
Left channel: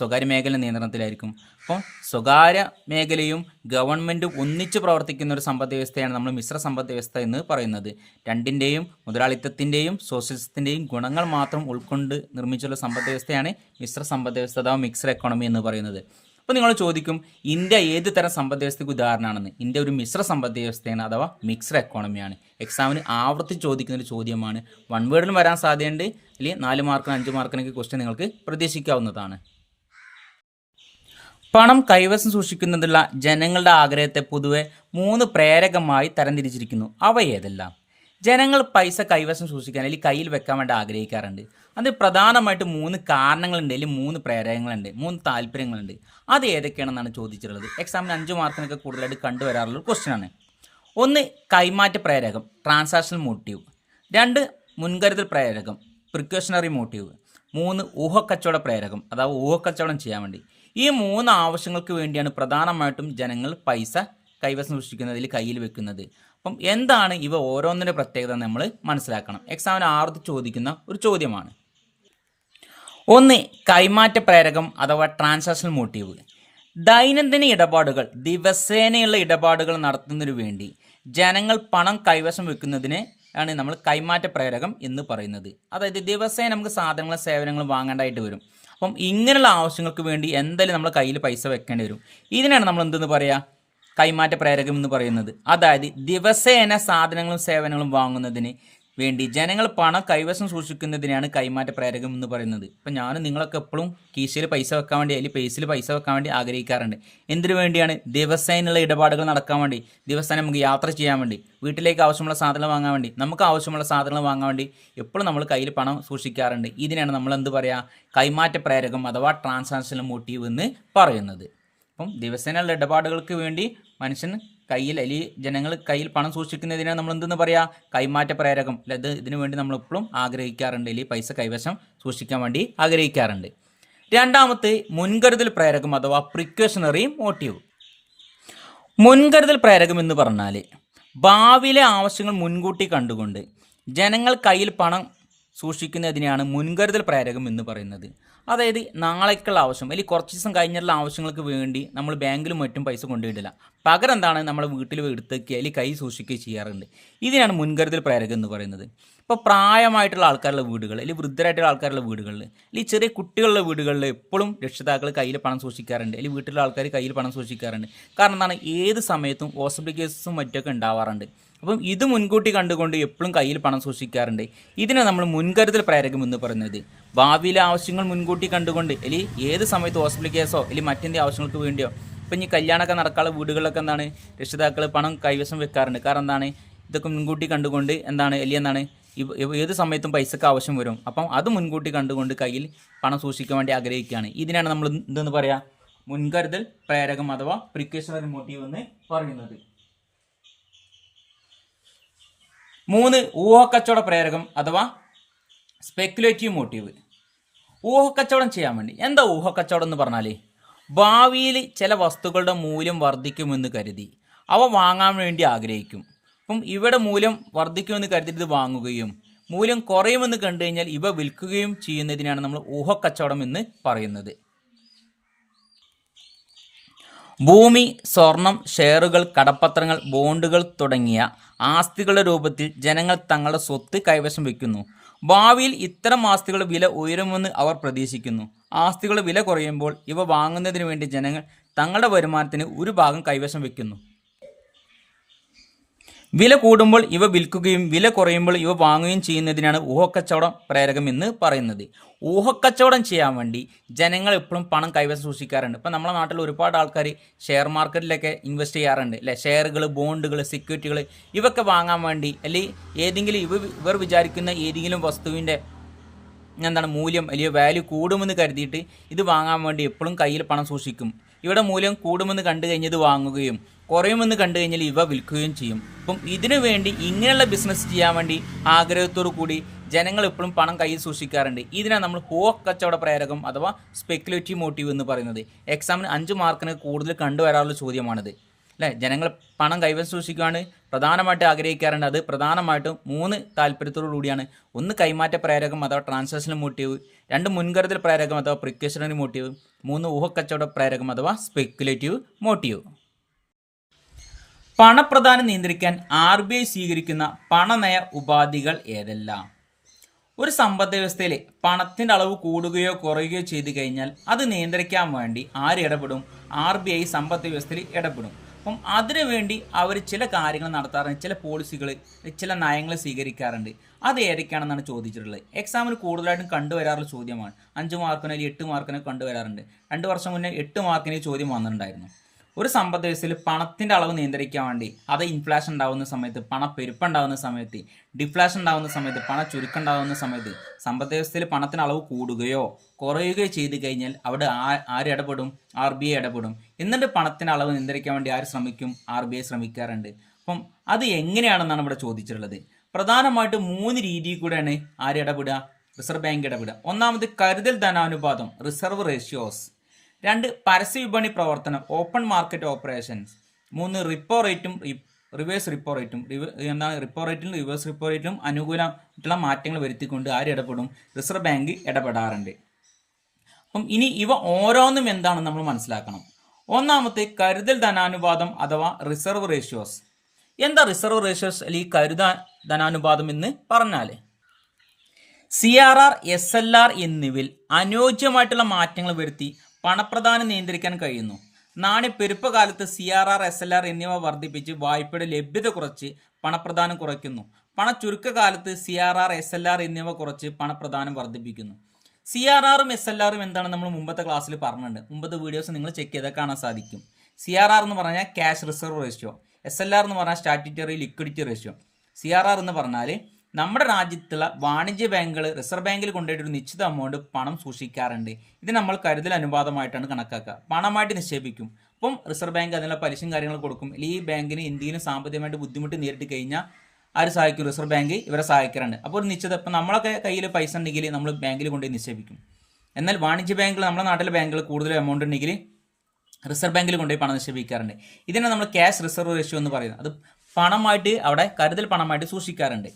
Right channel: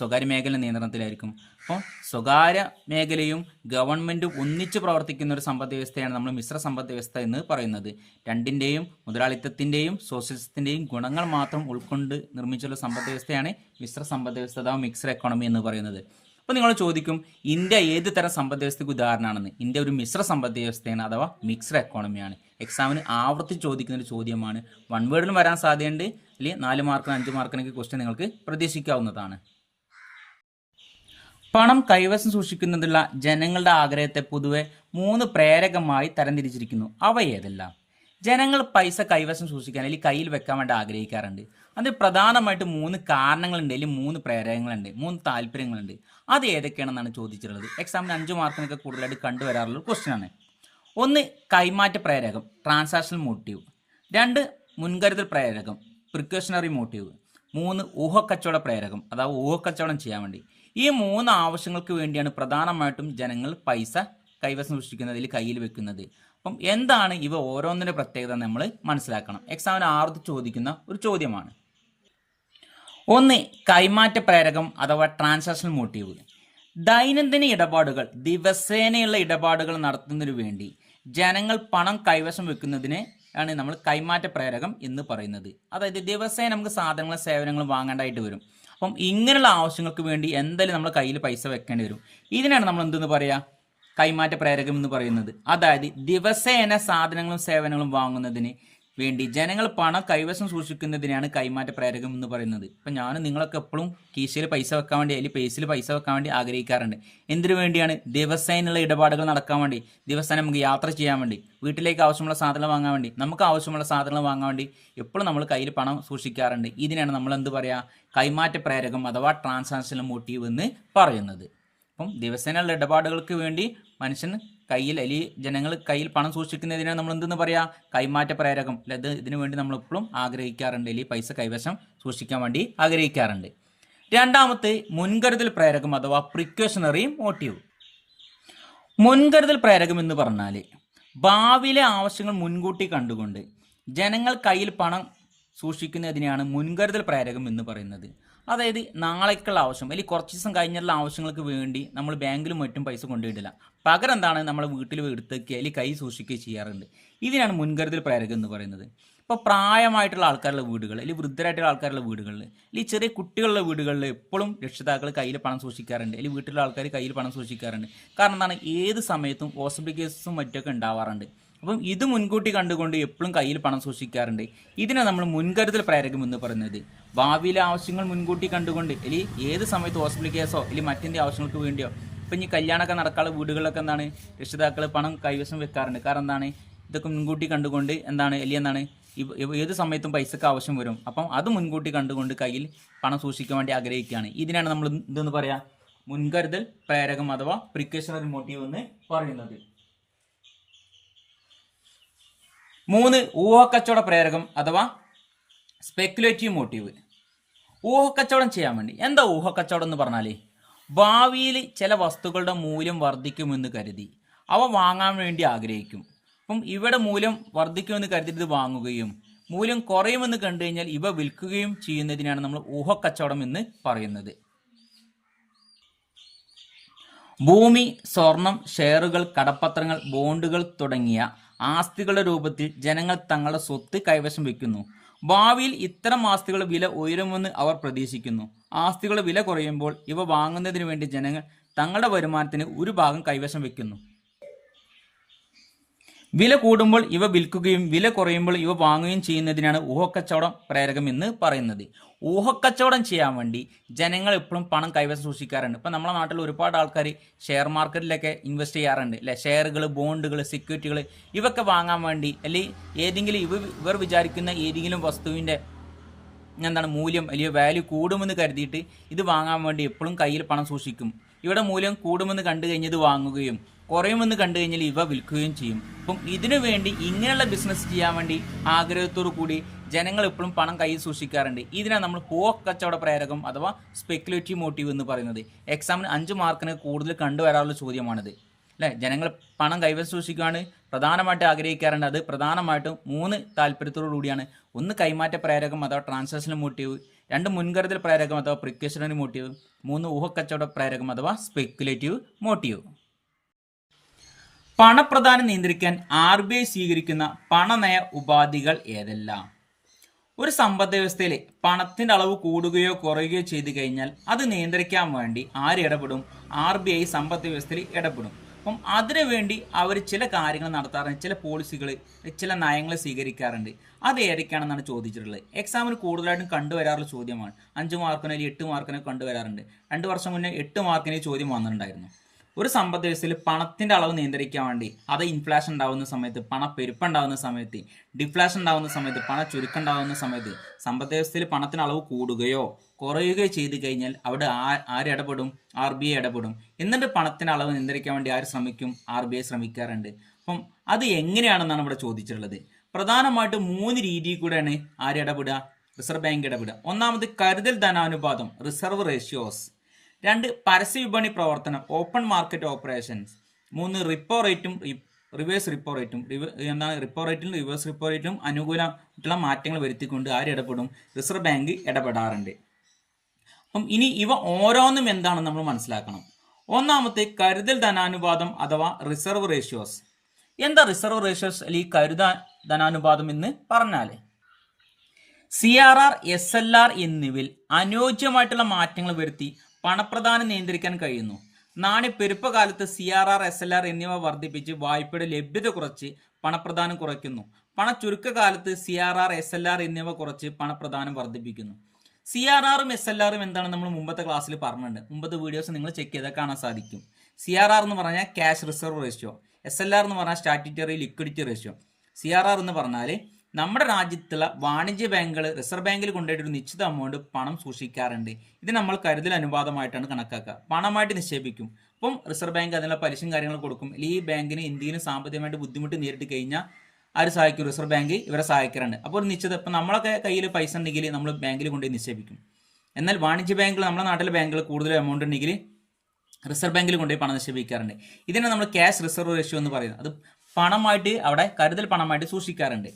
സ്വകാര്യ മേഖല നിയന്ത്രണത്തിലായിരിക്കും. അപ്പോൾ സ്വകാര്യ മേഖലയും ഗവൺമെൻറ്റും ഒന്നിച്ച് പ്രവർത്തിക്കുന്ന ഒരു സമ്പദ് വ്യവസ്ഥയാണ് നമ്മൾ മിശ്ര സമ്പദ് വ്യവസ്ഥ എന്ന് പറയുന്നത്. രണ്ടിൻ്റെയും മുതലാളിത്തത്തിൻ്റെയും സോഷ്യലിസത്തിൻ്റെയും ഗുണങ്ങൾ മാത്രം ഉൾക്കൊണ്ട് നിർമ്മിച്ചുള്ള സമ്പദ് വ്യവസ്ഥയാണ് മിശ്ര സമ്പദ് വ്യവസ്ഥ അഥവാ മിക്സ്ഡ് എക്കോണമി എന്ന് പറയുന്നത്. അപ്പോൾ നിങ്ങൾ ചോദിക്കും, ഇന്ത്യ ഏത് തരം സമ്പദ് വ്യവസ്ഥയ്ക്ക് ഉദാഹരണമാണെന്ന്? ഇന്ത്യ ഒരു മിശ്ര സമ്പദ് വ്യവസ്ഥയാണ് അഥവാ മിക്സ്ഡ് എക്കോണമിയാണ്. എക്സാമിന് ആവർത്തിച്ച് ചോദിക്കുന്ന ഒരു ചോദ്യമാണ്. 1 വേർഡിലും വരാൻ സാധ്യതയുണ്ട്, അല്ലെങ്കിൽ 4 മാർക്കിന് 5 മാർക്കിനൊക്കെ ക്വസ്റ്റ്യൻ നിങ്ങൾക്ക് പ്രതീക്ഷിക്കാവുന്നതാണ്. പണം കൈവശം സൂക്ഷിക്കുന്നതിലുള്ള ജനങ്ങളുടെ ആഗ്രഹത്തെ പൊതുവെ 3 പ്രേരകമായി തരംതിരിച്ചിരിക്കുന്നു. അവ ഏതെല്ലാം? ജനങ്ങൾ പൈസ കൈവശം സൂക്ഷിക്കാൻ അല്ലെങ്കിൽ കയ്യിൽ വെക്കാൻ വേണ്ടി ആഗ്രഹിക്കാറുണ്ട്. അത് പ്രധാനമായിട്ട് 3 കാരണങ്ങളുണ്ട്, അല്ലെങ്കിൽ 3 പ്രേരകങ്ങളുണ്ട്, 3 താല്പര്യങ്ങളുണ്ട്. അത് ഏതൊക്കെയാണെന്നാണ് ചോദിച്ചിട്ടുള്ളത്. എക്സാമിന് 5 മാർക്കിനൊക്കെ കൂടുതലായിട്ട് കണ്ടുവരാറുള്ള ക്വസ്റ്റ്യൻ ആണ്. 1 കൈമാറ്റ പ്രേരകം, ട്രാൻസാക്ഷണൽ മോട്ടീവ്. 2 മുൻകരുതൽ പ്രേരകം, പ്രിക്കോഷണറി മോട്ടീവ്. 3 ഊഹക്കച്ചവട പ്രേരകം, അതായത് ഊഹക്കച്ചവടം ചെയ്യാൻ വേണ്ടി. ഈ 3 ആവശ്യങ്ങൾക്ക് വേണ്ടിയാണ് പ്രധാനമായിട്ടും ജനങ്ങൾ പൈസ കൈവശം സൂക്ഷിക്കുന്നതിൽ കയ്യിൽ വെക്കുന്നത്. അപ്പം എന്താണ് ഇവ ഓരോന്നിൻ്റെ പ്രത്യേകത നമ്മൾ മനസ്സിലാക്കണം. എക്സാമിന് ആവർത്തിച്ച് ചോദിക്കുന്ന ഒരു ചോദ്യമാണ്. 1 കൈമാറ്റ പ്രേരകം അഥവാ ട്രാൻസാക്ഷണൽ മോട്ടീവ്. ദൈനംദിന ഇടപാടുകൾ, ദിവസേനയുള്ള ഇടപാടുകൾ നടത്തുന്നതിനു വേണ്ടി ജനങ്ങൾ പണം കൈവശം വെക്കുന്നതിന് ആണ് നമ്മൾ കൈമാറ്റ പ്രേരകം എന്ന് പറയുന്നത്. അതായത് ദിവസേന നമുക്ക് സാധനങ്ങളും സേവനങ്ങളും വാങ്ങേണ്ടതായിട്ട് വരും. അപ്പം ഇങ്ങനെയുള്ള ആവശ്യങ്ങൾക്ക് വേണ്ടി എന്തായാലും നമ്മൾ കയ്യിൽ പൈസ വെക്കേണ്ടി വരും. ഇതിനാണ് നമ്മൾ എന്തെന്ന് പറയുക? കൈമാറ്റ പ്രേരകം എന്ന് പറയുന്നത്. അതായത് ദിവസേന സാധനങ്ങളും സേവനങ്ങളും വാങ്ങുന്നതിന് വേണ്ടി ജനങ്ങൾ പണം കൈവശം സൂക്ഷിക്കുന്നതിനാണ് കൈമാറ്റ പ്രേരകം എന്ന് പറയുന്നത്. ഇപ്പം നിങ്ങളൊക്കെ എപ്പോഴും കീശയിൽ പൈസ വെക്കാൻ വേണ്ടി അല്ലെങ്കിൽ പേസിൽ പൈസ വെക്കാൻ വേണ്ടി ആഗ്രഹിക്കാറുണ്ട്. എന്തിനു വേണ്ടിയാണ്? ദിവസേനയുള്ള ഇടപാടുകൾ നടക്കാൻ വേണ്ടി, ദിവസേന നമുക്ക് യാത്ര ചെയ്യാൻ വേണ്ടി, വീട്ടിലേക്ക് ആവശ്യമുള്ള സാധനങ്ങൾ വാങ്ങാൻ വേണ്ടി, നമുക്ക് ആവശ്യമുള്ള സാധനങ്ങൾ വാങ്ങാൻ വേണ്ടി എപ്പോഴും നമ്മൾ കയ്യിൽ പണം സൂക്ഷിക്കാറുണ്ട്. ഇതിനാണ് നമ്മൾ എന്ത് പറയുക? കൈമാറ്റ പ്രേരകം അഥവാ ട്രാൻസാക്ഷണൽ മോട്ടീവ് എന്ന് പറയുന്നത്. അപ്പം ദിവസേനയുള്ള ഇടപാടുകൾക്ക് വേണ്ടി മനുഷ്യൻ കയ്യിൽ അല്ലെങ്കിൽ ജനങ്ങൾ കയ്യിൽ പണം സൂക്ഷിക്കുന്നതിനാണ് നമ്മൾ എന്തെന്ന് പറയുക? കൈമാറ്റ പ്രേരകം. അല്ലാതെ ഇതിനു വേണ്ടി നമ്മൾ എപ്പോഴും ആഗ്രഹിക്കാറുണ്ട്, അല്ലെങ്കിൽ പൈസ കൈവശം സൂക്ഷിക്കാൻ വേണ്ടി ആഗ്രഹിക്കാറുണ്ട്. 2 മുൻകരുതൽ പ്രേരകം അഥവാ പ്രിക്കോഷണറി മോട്ടീവ്. മുൻകരുതൽ പ്രേരകം എന്ന് പറഞ്ഞാൽ ഭാവിയിലെ ആവശ്യങ്ങൾ മുൻകൂട്ടി കണ്ടുകൊണ്ട് ജനങ്ങൾ കയ്യിൽ പണം സൂക്ഷിക്കുന്നതിനെയാണ് മുൻകരുതൽ പ്രേരകം എന്ന് പറയുന്നത്. അതായത് നാളേക്കുള്ള ആവശ്യം അല്ലെങ്കിൽ കുറച്ച് ദിവസം കഴിഞ്ഞുള്ള ആവശ്യങ്ങൾക്ക് വേണ്ടി നമ്മൾ ബാങ്കിലും മറ്റും പൈസ കൊണ്ടുപോയിട്ടില്ല. പകരം എന്താണ്, നമ്മൾ വീട്ടിൽ എടുത്തേക്കുക അല്ലെങ്കിൽ കൈ സൂക്ഷിക്കുകയും ചെയ്യാറുണ്ട്. ഇതിനാണ് മുൻകരുതൽ പ്രേരകം എന്ന് പറയുന്നത്. ഇപ്പോൾ പ്രായമായിട്ടുള്ള ആൾക്കാരുടെ വീടുകൾ അല്ലെങ്കിൽ വൃദ്ധരായിട്ടുള്ള ആൾക്കാരുടെ വീടുകളിൽ അല്ലെങ്കിൽ ചെറിയ കുട്ടികളുടെ വീടുകളിൽ എപ്പോഴും രക്ഷിതാക്കൾ കയ്യിൽ പണം സൂക്ഷിക്കാറുണ്ട്, അല്ലെങ്കിൽ വീട്ടിലുള്ള ആൾക്കാർ കയ്യിൽ പണം സൂക്ഷിക്കാറുണ്ട്. കാരണം എന്താണ്, ഏത് സമയത്തും ഹോസ്പിറ്റൽ കേസും മറ്റൊക്കെ ഉണ്ടാവാറുണ്ട്. അപ്പം ഇത് മുൻകൂട്ടി കണ്ടുകൊണ്ട് എപ്പോഴും കയ്യിൽ പണം സൂക്ഷിക്കാറുണ്ട്. ഇതിനെ നമ്മൾ മുൻകരുതൽ പ്രേരകം എന്ന് പറയുന്നത്. ഭാവിയിലെ ആവശ്യങ്ങൾ മുൻകൂട്ടി കണ്ടുകൊണ്ട് അല്ലെങ്കിൽ ഏത് സമയത്ത് ഹോസ്പിറ്റൽ കേസോ അല്ലെങ്കിൽ മറ്റെന്തെങ്കിലും ആവശ്യങ്ങൾക്ക് വേണ്ടിയോ, ഇപ്പം ഈ കല്യാണമൊക്കെ നടക്കാനുള്ള വീടുകളിലൊക്കെ എന്താണ് രക്ഷിതാക്കൾ പണം കൈവശം വെക്കാറുണ്ട്. കാരണം എന്താണ്, ഇതൊക്കെ മുൻകൂട്ടി കണ്ടുകൊണ്ട് അല്ലെങ്കിൽ ഏത് സമയത്തും പൈസക്ക് ആവശ്യം വരും. അപ്പം അത് മുൻകൂട്ടി കണ്ടുകൊണ്ട് കയ്യിൽ പണം സൂക്ഷിക്കാൻ വേണ്ടി ആഗ്രഹിക്കുകയാണ്. ഇതിനാണ് നമ്മൾ എന്തെന്ന് പറയുക? മുൻകരുതൽ പ്രേരകം അഥവാ പ്രിക്കോഷണറി മോട്ടീവ് എന്ന് പറയുന്നത്. 3 ഊഹക്കച്ചവട പ്രേരകം അഥവാ സ്പെക്കുലേറ്റീവ് മോട്ടീവ്. ഊഹക്കച്ചവടം ചെയ്യാൻ വേണ്ടി. എന്താ ഊഹക്കച്ചവടം എന്ന് പറഞ്ഞാൽ, ഭാവിയിൽ ചില വസ്തുക്കളുടെ മൂല്യം വർദ്ധിക്കുമെന്ന് കരുതി അവ വാങ്ങാൻ വേണ്ടി ആഗ്രഹിക്കും. അപ്പം ഇവിടെ മൂല്യം വർദ്ധിക്കുമെന്ന് കരുതിയിട്ട് ഇത് വാങ്ങുകയും മൂല്യം കുറയുമെന്ന് കണ്ടു കഴിഞ്ഞാൽ ഇവ വിൽക്കുകയും ചെയ്യുന്നതിനാണ് നമ്മൾ ഊഹക്കച്ചവടം എന്ന് പറയുന്നത്. ഭൂമി, സ്വർണം, ഷെയറുകൾ, കടപ്പത്രങ്ങൾ, ബോണ്ടുകൾ തുടങ്ങിയ ആസ്തികളുടെ രൂപത്തിൽ ജനങ്ങൾ തങ്ങളുടെ സ്വത്ത് കൈവശം വയ്ക്കുന്നു. ഭാവിയിൽ ഇത്തരം ആസ്തികളുടെ വില ഉയരുമെന്ന് അവർ പ്രതീക്ഷിക്കുന്നു. ആസ്തികളുടെ വില കുറയുമ്പോൾ ഇവ വാങ്ങുന്നതിന് വേണ്ടി ജനങ്ങൾ തങ്ങളുടെ വരുമാനത്തിന് ഒരു ഭാഗം കൈവശം വയ്ക്കുന്നു. വില കൂടുമ്പോൾ ഇവ വിൽക്കുകയും വില കുറയുമ്പോൾ ഇവ വാങ്ങുകയും ചെയ്യുന്നതിനാണ് ഊഹക്കച്ചവടം പ്രേരകം എന്ന് പറയുന്നത്. ഊഹക്കച്ചവടം ചെയ്യാൻ വേണ്ടി ജനങ്ങൾ എപ്പോഴും പണം കൈവശം സൂക്ഷിക്കാറുണ്ട്. ഇപ്പം നമ്മുടെ നാട്ടിൽ ഒരുപാട് ആൾക്കാർ ഷെയർ മാർക്കറ്റിലൊക്കെ ഇൻവെസ്റ്റ് ചെയ്യാറുണ്ട് അല്ലെ. ഷെയറുകൾ, ബോണ്ടുകൾ, സെക്യൂരിറ്റികൾ ഇവയൊക്കെ വാങ്ങാൻ വേണ്ടി, അല്ലെങ്കിൽ ഏതെങ്കിലും ഇവർ വിചാരിക്കുന്ന ഏതെങ്കിലും വസ്തുവിൻ്റെ മൂല്യം അല്ലെങ്കിൽ വാല്യൂ കൂടുമെന്ന് കരുതിയിട്ട് ഇത് വാങ്ങാൻ വേണ്ടി എപ്പോഴും കയ്യിൽ പണം സൂക്ഷിക്കും. ഇവിടെ മൂല്യം കൂടുമെന്ന് കണ്ടു കഴിഞ്ഞാൽ ഇത് വാങ്ങുകയും കുറയുമെന്ന് കണ്ടു കഴിഞ്ഞാൽ ഇവ വിൽക്കുകയും ചെയ്യും. അപ്പം ഇതിനു വേണ്ടി ഇങ്ങനെയുള്ള ബിസിനസ് ചെയ്യാൻ വേണ്ടി ആഗ്രഹത്തോടു കൂടി ജനങ്ങൾ എപ്പോഴും പണം കയ്യിൽ സൂക്ഷിക്കാറുണ്ട്. ഇതിനാണ് നമ്മൾ ഊഹക്കച്ചവട പ്രേരകം അഥവാ സ്പെക്കുലേറ്റീവ് മോട്ടീവ് എന്ന് പറയുന്നത്. എക്സാമിന് 5 മാർക്കിന് കൂടുതൽ കണ്ടുവരാറുള്ള ചോദ്യമാണിത് അല്ലേ. ജനങ്ങൾ പണം കൈവശം സൂക്ഷിക്കുകയാണ് പ്രധാനമായിട്ട് ആഗ്രഹിക്കാറുണ്ട്. അത് പ്രധാനമായിട്ടും 3 താല്പര്യത്തോടു കൂടിയാണ്. 1 കൈമാറ്റ പ്രേരകം അഥവാ ട്രാൻസാക്ഷണൽ മോട്ടീവ്, 2 മുൻകരുതൽ പ്രേരകം അഥവാ പ്രിക്കോഷണറി മോട്ടീവ്, 3 ഊഹക്കച്ചവട പ്രേരകം അഥവാ സ്പെക്കുലേറ്റീവ് മോട്ടീവ്. പണപ്രദാനം നിയന്ത്രിക്കാൻ RBI സ്വീകരിക്കുന്ന പണനയ ഉപാധികൾ ഏതെല്ലാം? ഒരു സമ്പദ് വ്യവസ്ഥയിൽ പണത്തിൻ്റെ അളവ് കൂടുകയോ കുറയുകയോ ചെയ്തു കഴിഞ്ഞാൽ അത് നിയന്ത്രിക്കാൻ വേണ്ടി ആര് ഇടപെടും? RBI സമ്പദ് വ്യവസ്ഥയിൽ ഇടപെടും. അപ്പം അതിനുവേണ്ടി അവർ ചില കാര്യങ്ങൾ നടത്താറുണ്ട്, ചില പോളിസികൾ, ചില നയങ്ങൾ സ്വീകരിക്കാറുണ്ട്. അത് ഏതൊക്കെയാണെന്നാണ് ചോദിച്ചിട്ടുള്ളത്. എക്സാമിന് കൂടുതലായിട്ടും കണ്ടുവരാറുള്ള ചോദ്യമാണ്. 5 മാർക്കിനോ അല്ലെങ്കിൽ 8 മാർക്കിനോ കണ്ടുവരാറുണ്ട്. 2 വർഷം മുന്നേ 8 മാർക്കിന് ചോദ്യം വന്നിട്ടുണ്ടായിരുന്നു. ഒരു സമ്പദ് വ്യവസ്ഥയിൽ പണത്തിൻ്റെ അളവ് നിയന്ത്രിക്കാൻ വേണ്ടി, അത് ഇൻഫ്ലേഷൻ ഉണ്ടാകുന്ന സമയത്ത്, പണപ്പെരുപ്പുണ്ടാകുന്ന സമയത്ത്, ഡിഫ്ലേഷൻ ഉണ്ടാകുന്ന സമയത്ത്, ചുരുക്കം ഉണ്ടാകുന്ന സമയത്ത് സമ്പദ് വ്യവസ്ഥയിൽ പണത്തിന് അളവ് കൂടുകയോ കുറയുകയോ ചെയ്ത് കഴിഞ്ഞാൽ അവിടെ ആര് ഇടപെടും? RBI ഇടപെടും. എന്നിട്ട് പണത്തിൻ്റെ അളവ് നിയന്ത്രിക്കാൻ വേണ്ടി ആര് ശ്രമിക്കും? RBI ശ്രമിക്കാറുണ്ട്. അപ്പം അത് എങ്ങനെയാണെന്നാണ് ഇവിടെ ചോദിച്ചിട്ടുള്ളത്. പ്രധാനമായിട്ട് 3 രീതിയിൽ കൂടെയാണ് ആര് ഇടപെടുക? Reserve bank ഇടപെടുക. ഒന്നാമത് കരുതൽ ധനാനുപാതം, റിസർവ് റേഷ്യോസ്. 2 പരസ്യ വിപണി പ്രവർത്തനം, ഓപ്പൺ മാർക്കറ്റ് ഓപ്പറേഷൻസ്. 3 റിപ്പോ റേറ്റും റിവേഴ്സ് റിപ്പോ റേറ്റും. റിപ്പോ റേറ്റിലും റിവേഴ്സ് റിപ്പോ റേറ്റിലും അനുകൂലമായിട്ടുള്ള മാറ്റങ്ങൾ വരുത്തിക്കൊണ്ട് ആര് ഇടപെടും? റിസർവ് ബാങ്ക് ഇടപെടാറുണ്ട്. അപ്പം ഇനി ഇവ ഓരോന്നും എന്താണെന്ന് നമ്മൾ മനസ്സിലാക്കണം. ഒന്നാമത്തെ കരുതൽ ധനാനുപാതം അഥവാ റിസർവ് റേഷ്യോസ്. എന്താ റിസർവ് റേഷ്യോസ് അല്ലെങ്കിൽ കരുതൽ ധനാനുപാതം എന്ന് പറഞ്ഞാൽ, CRR, SLR എന്നിവയിൽ അനുയോജ്യമായിട്ടുള്ള മാറ്റങ്ങൾ വരുത്തി പണപ്രദാനം നിയന്ത്രിക്കാൻ കഴിയുന്നു. നാണ്യപ്പെരുപ്പ കാലത്ത് CRR, SLR എന്നിവ വർദ്ധിപ്പിച്ച് വായ്പയുടെ ലഭ്യത കുറച്ച് പണപ്രദാനം കുറയ്ക്കുന്നു. ചുരുക്കകാലത്ത് CRR, SLR എന്നിവ കുറച്ച് പണപ്രദാനം വർദ്ധിപ്പിക്കുന്നു. CRRും SLRും എന്താണെന്ന് നമ്മൾ മുമ്പത്തെ ക്ലാസ്സിൽ പറഞ്ഞിട്ടുണ്ട്. മുമ്പത്തെ വീഡിയോസ് നിങ്ങൾ ചെക്ക് ചെയ്താൽ കാണാൻ സാധിക്കും. CRR എന്ന് പറഞ്ഞാൽ ക്യാഷ് റിസർവ് റേഷ്യോ, SLR എന്ന് പറഞ്ഞാൽ സ്റ്റാറ്റ്യൂട്ടറി ലിക്വിഡിറ്റി റേഷ്യോ. CRR എന്ന് പറഞ്ഞാൽ നമ്മുടെ രാജ്യത്തുള്ള വാണിജ്യ ബാങ്കുകൾ റിസർവ് ബാങ്കിൽ കൊണ്ടുപോയിട്ട് ഒരു നിശ്ചിത എമൗണ്ട് പണം സൂക്ഷിക്കാറുണ്ട്. ഇത് നമ്മൾ കരുതൽ അനുപാതമായിട്ടാണ് കണക്കാക്കുക. പണമായിട്ട് നിക്ഷേപിക്കും. അപ്പം റിസർവ് ബാങ്ക് അതിനുള്ള പലിശയും കാര്യങ്ങൾ കൊടുക്കും. ഈ ബാങ്കിന് എന്തെങ്കിലും സാമ്പത്തികമായിട്ട് ബുദ്ധിമുട്ട് നേരിട്ട് കഴിഞ്ഞാൽ ആര് സഹായിക്കും? റിസർവ് ബാങ്ക് ഇവരെ സഹായിക്കാറുണ്ട്. അപ്പോൾ ഒരു നിശ്ചിത, ഇപ്പം നമ്മളൊക്കെ കയ്യിൽ പൈസ ഉണ്ടെങ്കിൽ നമ്മൾ ബാങ്കിൽ കൊണ്ടുപോയി നിക്ഷേപിക്കും. എന്നാൽ വാണിജ്യ ബാങ്കുകൾ, നമ്മുടെ നാട്ടിലെ ബാങ്കുകൾ കൂടുതൽ എമൗണ്ട് ഉണ്ടെങ്കിൽ റിസർവ് ബാങ്കിൽ കൊണ്ടുപോയി പണം നിക്ഷേപിക്കാറുണ്ട്. ഇതിനെ നമ്മൾ ക്യാഷ് റിസർവ് റേഷ്യോ എന്ന് പറയുന്നത്. അത് പണമായിട്ട് അവിടെ കരുതൽ പണമായിട്ട് സൂക്ഷിക്കാറുണ്ട്.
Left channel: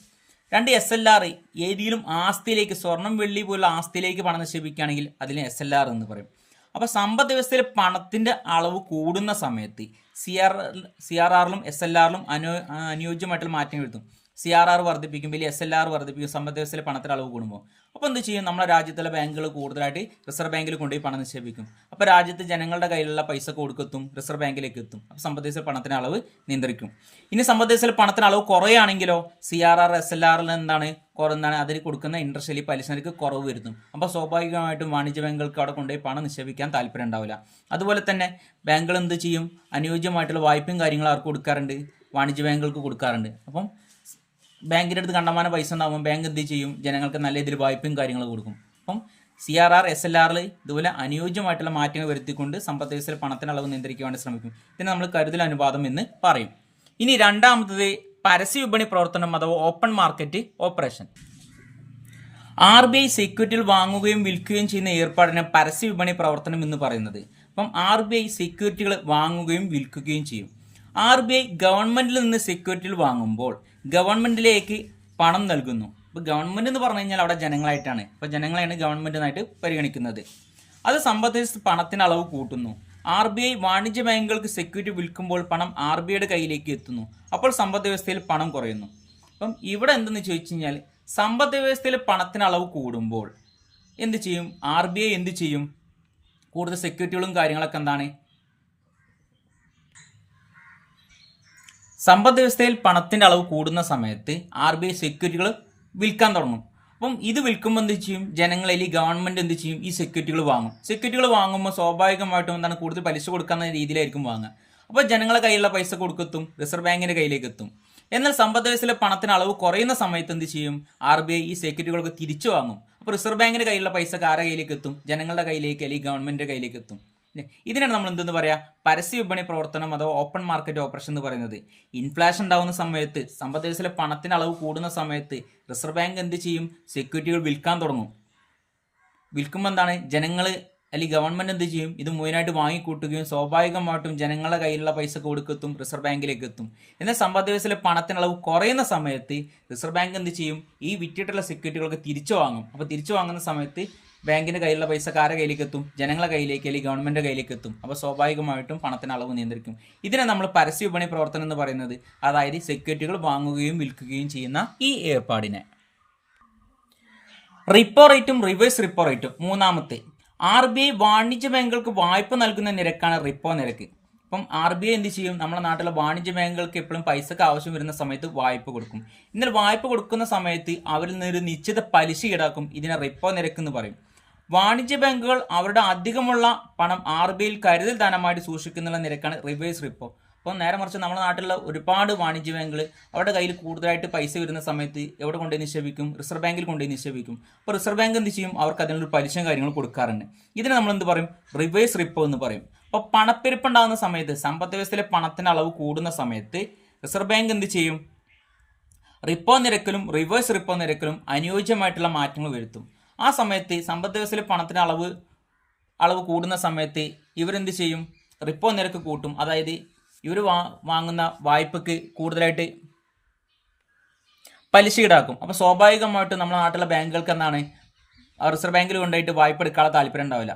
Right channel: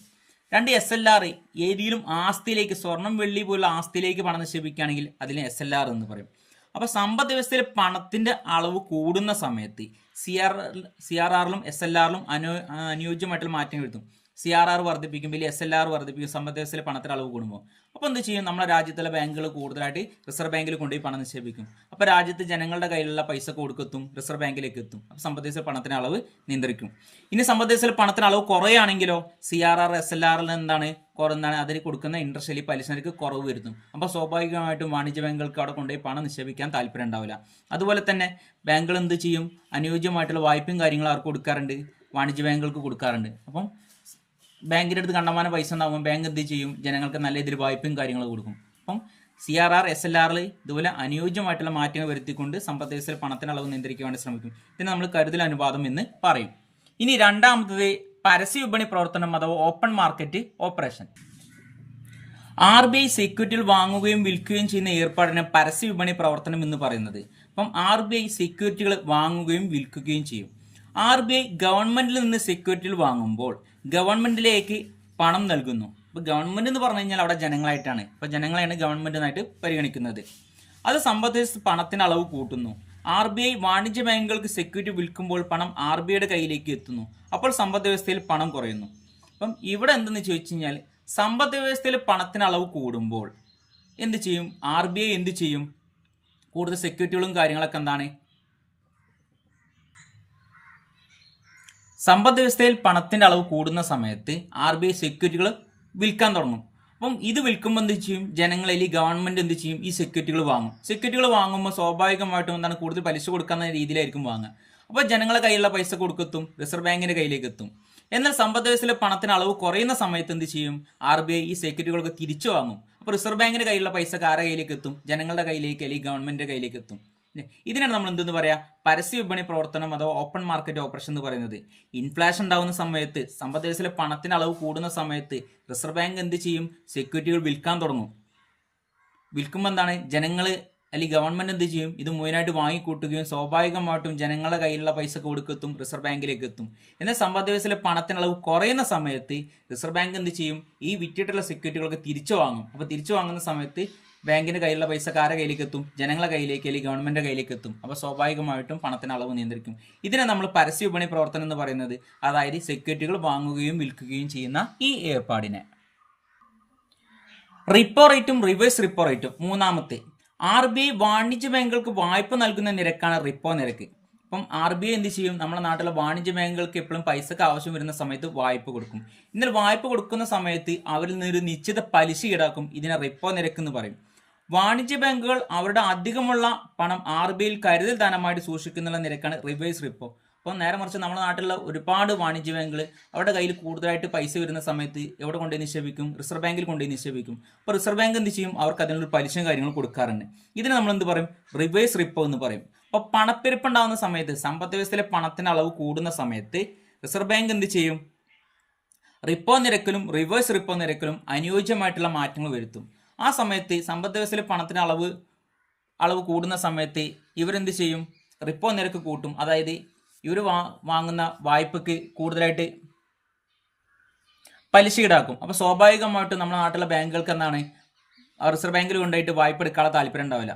2 SLR, ഏതെങ്കിലും ആസ്തിയിലേക്ക്, സ്വർണം, വെള്ളി പോലുള്ള ആസ്തിയിലേക്ക് പണം നിക്ഷേപിക്കുകയാണെങ്കിൽ അതിന് SLR എന്ന് പറയും. അപ്പോൾ സമ്പദ് വ്യവസ്ഥയിൽ പണത്തിൻ്റെ അളവ് കൂടുന്ന സമയത്ത് CRRലും SLRലും അനുയോജ്യമായിട്ടുള്ള മാറ്റങ്ങൾ വരുത്തും. CRR വർദ്ധിപ്പിക്കും, വലിയ SLR വർദ്ധിപ്പിക്കും സമ്പദ് വ്യവസ്ഥയിലെ പണത്തിൻ്റെ അളവ് കൂടുമ്പോൾ. അപ്പോൾ എന്ത് ചെയ്യും? നമ്മുടെ രാജ്യത്തുള്ള ബാങ്കുകൾ കൂടുതലായിട്ട് റിസർവ് ബാങ്കിൽ കൊണ്ടുപോയി പണം നിക്ഷേപിക്കും. അപ്പോൾ രാജ്യത്ത് ജനങ്ങളുടെ കയ്യിലുള്ള പൈസ കൊടുക്കെത്തും, റിസർവ് ബാങ്കിലേക്ക് എത്തും. അപ്പോൾ സമ്പദ് വ്യവസ്ഥയിൽ പണത്തിൻ്റെ അളവ് നിയന്ത്രിക്കും. ഇനി സമ്പദ് വ്യവസ്ഥയിൽ പണത്തിന് അളവ് കുറയുകയാണെങ്കിലോ CRR, SLRൽ കുറഞ്ഞാണ് അതിൽ കൊടുക്കുന്ന ഇൻട്രസ്റ്റ് അല്ലെങ്കിൽ പലിശ നിരക്ക് കുറവ് വരുന്നു. അപ്പോൾ സ്വാഭാവികമായിട്ടും വാണിജ്യ ബാങ്കുകൾക്ക് അവിടെ കൊണ്ടുപോയി പണം നിക്ഷേപിക്കാൻ താല്പര്യം ഉണ്ടാവില്ല. അതുപോലെ തന്നെ ബാങ്കുകൾ എന്ത് ചെയ്യും? അനുയോജ്യമായിട്ടുള്ള വായ്പയും കാര്യങ്ങളും അവർക്ക് കൊടുക്കാറുണ്ട്, വാണിജ്യ ബാങ്കുകൾക്ക് കൊടുക്കാറുണ്ട്. അപ്പം ബാങ്കിൻ്റെ അടുത്ത് കണ്ടമാന പൈസ ഉണ്ടാകുമ്പോൾ ബാങ്ക് എന്ത് ചെയ്യും? ജനങ്ങൾക്ക് നല്ല രീതിയിൽ വായ്പയും കാര്യങ്ങൾ കൊടുക്കും. അപ്പം CRR, SLRൽ ഇതുപോലെ അനുയോജ്യമായിട്ടുള്ള മാറ്റങ്ങൾ വരുത്തിക്കൊണ്ട് സമ്പദ് വ്യവസ്ഥയിൽ പണത്തിൻ്റെ അളവ് നിയന്ത്രിക്കാൻ വേണ്ടി ശ്രമിക്കും. ഇതിനെ നമ്മൾ കരുതൽ അനുപാതം എന്ന് പറയും. ഇനി രണ്ടാമത്തത് പരസ്യ വിപണി പ്രവർത്തനം അഥവാ ഓപ്പൺ മാർക്കറ്റ് ഓപ്പറേഷൻ. RBI സെക്യൂരിറ്റികൾ വാങ്ങുകയും വിൽക്കുകയും ചെയ്യുന്ന ഏർപ്പാടിനെ പരസ്യ വിപണി പ്രവർത്തനം എന്ന് പറയുന്നത്. അപ്പം RBI സെക്യൂരിറ്റികൾ വാങ്ങുകയും വിൽക്കുകയും ചെയ്യും. RBI ഗവൺമെന്റിൽ നിന്ന് സെക്യൂരിറ്റികൾ വാങ്ങുമ്പോൾ ഗവൺമെന്റിലേക്ക് പണം നൽകുന്നു. ഇപ്പോൾ ഗവൺമെന്റ് എന്ന് പറഞ്ഞു കഴിഞ്ഞാൽ അവിടെ ജനങ്ങളായിട്ടാണ്. അപ്പോൾ ജനങ്ങളെയാണ് ഗവൺമെന്റിനായിട്ട് പരിഗണിക്കുന്നത്. അത് സമ്പത്ത് പണത്തിന് അളവ് കൂട്ടുന്നു. RBI വാണിജ്യ ബാങ്കുകൾക്ക് സെക്യൂരിറ്റി വിൽക്കുമ്പോൾ പണം RBIയുടെ കയ്യിലേക്ക് എത്തുന്നു. അപ്പോൾ സമ്പദ് വ്യവസ്ഥയിൽ പണം കുറയുന്നു. അപ്പം ഇവിടെ എന്തെന്ന് ചോദിച്ചു കഴിഞ്ഞാൽ സമ്പദ് വ്യവസ്ഥയിൽ പണത്തിന് അളവ് കൂടുമ്പോൾ എന്ത് ചെയ്യും? RBI എന്ത് ചെയ്യും? കൂടുതൽ സെക്യൂരിറ്റികളും കാര്യങ്ങളൊക്കെ എന്താണ്? സമ്പദ് വ്യവസ്ഥയിൽ പണത്തിന്റെ അളവ് കൂടുന്ന സമയത്ത് RBI സെക്യൂരിറ്റികൾ വിൽക്കാൻ തുടങ്ങും. അപ്പം ഇത് വിൽക്കുമ്പോൾ എന്ത് ചെയ്യും? ജനങ്ങളിൽ ഗവൺമെന്റ് എന്ത് ചെയ്യും? ഈ സെക്യൂരിറ്റികൾ വാങ്ങും. സെക്യൂരിറ്റികൾ വാങ്ങുമ്പോൾ സ്വാഭാവികമായിട്ടും എന്താണ് കൂടുതൽ പലിശ കൊടുക്കുന്ന രീതിയിലായിരിക്കും വാങ്ങുക. അപ്പോൾ ജനങ്ങളുടെ കയ്യിലുള്ള പൈസ കൊടുക്കെത്തും, റിസർവ് ബാങ്കിന്റെ കയ്യിലേക്ക് എത്തും. എന്നാൽ സമ്പദ് വ്യവസ്ഥയിലെ പണത്തിന് അളവ് കുറയുന്ന സമയത്ത് എന്ത് ചെയ്യും? RBI ഈ സെക്യൂരിറ്റികളൊക്കെ തിരിച്ചു വാങ്ങും. അപ്പോൾ റിസർവ് ബാങ്കിന്റെ കയ്യിലുള്ള പൈസ ആരുടെ കയ്യിലേക്ക് എത്തും? ജനങ്ങളുടെ കയ്യിലേക്ക് അല്ലെങ്കിൽ ഗവൺമെന്റിന്റെ കയ്യിലേക്ക് എത്തും. ഇതിനാണ് നമ്മൾ എന്തെന്ന് പറയാ? പരസ്യ വിപണി പ്രവർത്തനം അഥവാ ഓപ്പൺ മാർക്കറ്റ് ഓപ്പറേഷൻ എന്ന് പറയുന്നത്. ഇൻഫ്ലേഷൻ ഉണ്ടാകുന്ന സമയത്ത്, സമ്പദ് വ്യവസ്ഥയിലെ പണത്തിന് അളവ് കൂടുന്ന സമയത്ത് റിസർവ് ബാങ്ക് എന്ത് ചെയ്യും? സെക്യൂരിറ്റികൾ വിൽക്കാൻ തുടങ്ങും. വിൽക്കുമ്പോൾ എന്താണ്? ജനങ്ങൾ അല്ലെങ്കിൽ ഗവൺമെന്റ് എന്ത് ചെയ്യും? ഇത് മുഴുവനായിട്ട് വാങ്ങിക്കൂട്ടുകയും സ്വാഭാവികമായിട്ടും ജനങ്ങളുടെ കയ്യിലുള്ള പൈസ കൊടുക്കെത്തും, റിസർവ് ബാങ്കിലേക്ക് എത്തും. എന്നാൽ സമ്പദ് വ്യവസ്ഥയിലെ പണത്തിന് അളവ് കുറയുന്ന സമയത്ത് റിസർവ് ബാങ്ക് എന്ത് ചെയ്യും? ഈ വിറ്റിട്ടുള്ള സെക്യൂരിറ്റികളൊക്കെ തിരിച്ചു വാങ്ങും. അപ്പോൾ തിരിച്ചു വാങ്ങുന്ന സമയത്ത് ബാങ്കിന്റെ കയ്യിലുള്ള പൈസ ആരുടെ കയ്യിലേക്ക് എത്തും? ജനങ്ങളുടെ കയ്യിലേക്ക് അല്ലെങ്കിൽ ഗവൺമെന്റിന്റെ കയ്യിലേക്ക് എത്തും. അപ്പോൾ സ്വാഭാവികമായിട്ടും പണത്തിന് അളവ് നിയന്ത്രിക്കും. ഇതിനെ നമ്മൾ പരസ്യ വിപണി പ്രവർത്തനം എന്ന് പറയുന്നത്. അതായത് സെക്യൂരിറ്റികൾ വാങ്ങുകയും വിൽക്കുകയും ചെയ്യുന്ന ഈ ഏർപ്പാടിനെ. റിപ്പോ റേറ്റും റിവേഴ്സ് റിപ്പോ റേറ്റും. മൂന്നാമത്തെ, RBI വാണിജ്യ ബാങ്കുകൾക്ക് വായ്പ നൽകുന്ന നിരക്കാണ് റിപ്പോ നിരക്ക്. അപ്പം RBI എന്ത് ചെയ്യും? നമ്മുടെ നാട്ടിലെ വാണിജ്യ ബാങ്കുകൾക്ക് എപ്പോഴും പൈസക്ക് ആവശ്യം വരുന്ന സമയത്ത് വായ്പ കൊടുക്കും. എന്നാൽ വായ്പ കൊടുക്കുന്ന സമയത്ത് അവരിൽ നിന്നൊരു നിശ്ചിത പലിശ ഈടാക്കും. ഇതിനെ റിപ്പോ നിരക്ക് എന്ന് പറയും. വാണിജ്യ ബാങ്കുകൾ അവരുടെ അധികമുള്ള പണം RBIയിൽ കരുതൽ ധനമായിട്ട് സൂക്ഷിക്കുന്ന നിരക്കാണ് റിവേഴ്സ് റിപ്പോ. അപ്പോൾ നേരെ മറിച്ച് നമ്മുടെ നാട്ടിലുള്ള ഒരുപാട് വാണിജ്യ ബാങ്കുകൾ അവരുടെ കയ്യിൽ കൂടുതലായിട്ട് പൈസ വരുന്ന സമയത്ത് എവിടെ കൊണ്ടുപോയി നിക്ഷേപിക്കും? റിസർവ് ബാങ്കിൽ കൊണ്ടുപോയി നിക്ഷേപിക്കും. അപ്പോൾ റിസർവ് ബാങ്ക് എന്ത് ചെയ്യും? അവർക്ക് അതിനൊരു പലിശയും കാര്യങ്ങളും കൊടുക്കാറുണ്ട്. ഇതിനെ നമ്മൾ എന്ത് പറയും? റിവേഴ്സ് റിപ്പോ എന്ന് പറയും. അപ്പോൾ പണപ്പെരുപ്പം ഉണ്ടാകുന്ന സമയത്ത്, സമ്പദ് വ്യവസ്ഥയിലെ പണത്തിന് അളവ് കൂടുന്ന സമയത്ത് റിസർവ് ബാങ്ക് എന്ത് ചെയ്യും? റിപ്പോ നിരക്കിലും റിവേഴ്സ് റിപ്പോ നിരക്കിലും അനുയോജ്യമായിട്ടുള്ള മാറ്റങ്ങൾ വരുത്തും. ആ സമയത്ത് സമ്പദ് വ്യവസ്ഥയിലെ പണത്തിന് അളവ് കൂടുന്ന സമയത്ത് ഇവരെന്ത് ചെയ്യും? റിപ്പോ നിരക്ക് കൂട്ടും. അതായത് ഇവർ വാങ്ങുന്ന വായ്പക്ക് കൂടുതലായിട്ട് പലിശ ഈടാക്കും. അപ്പോൾ സ്വാഭാവികമായിട്ടും നമ്മുടെ നാട്ടിലെ ബാങ്കുകൾക്ക് എന്താണ്? റിസർവ് ബാങ്കിൽ കൊണ്ടുപോയിട്ട് വായ്പ എടുക്കാനുള്ള താല്പര്യം ഉണ്ടാവില്ല.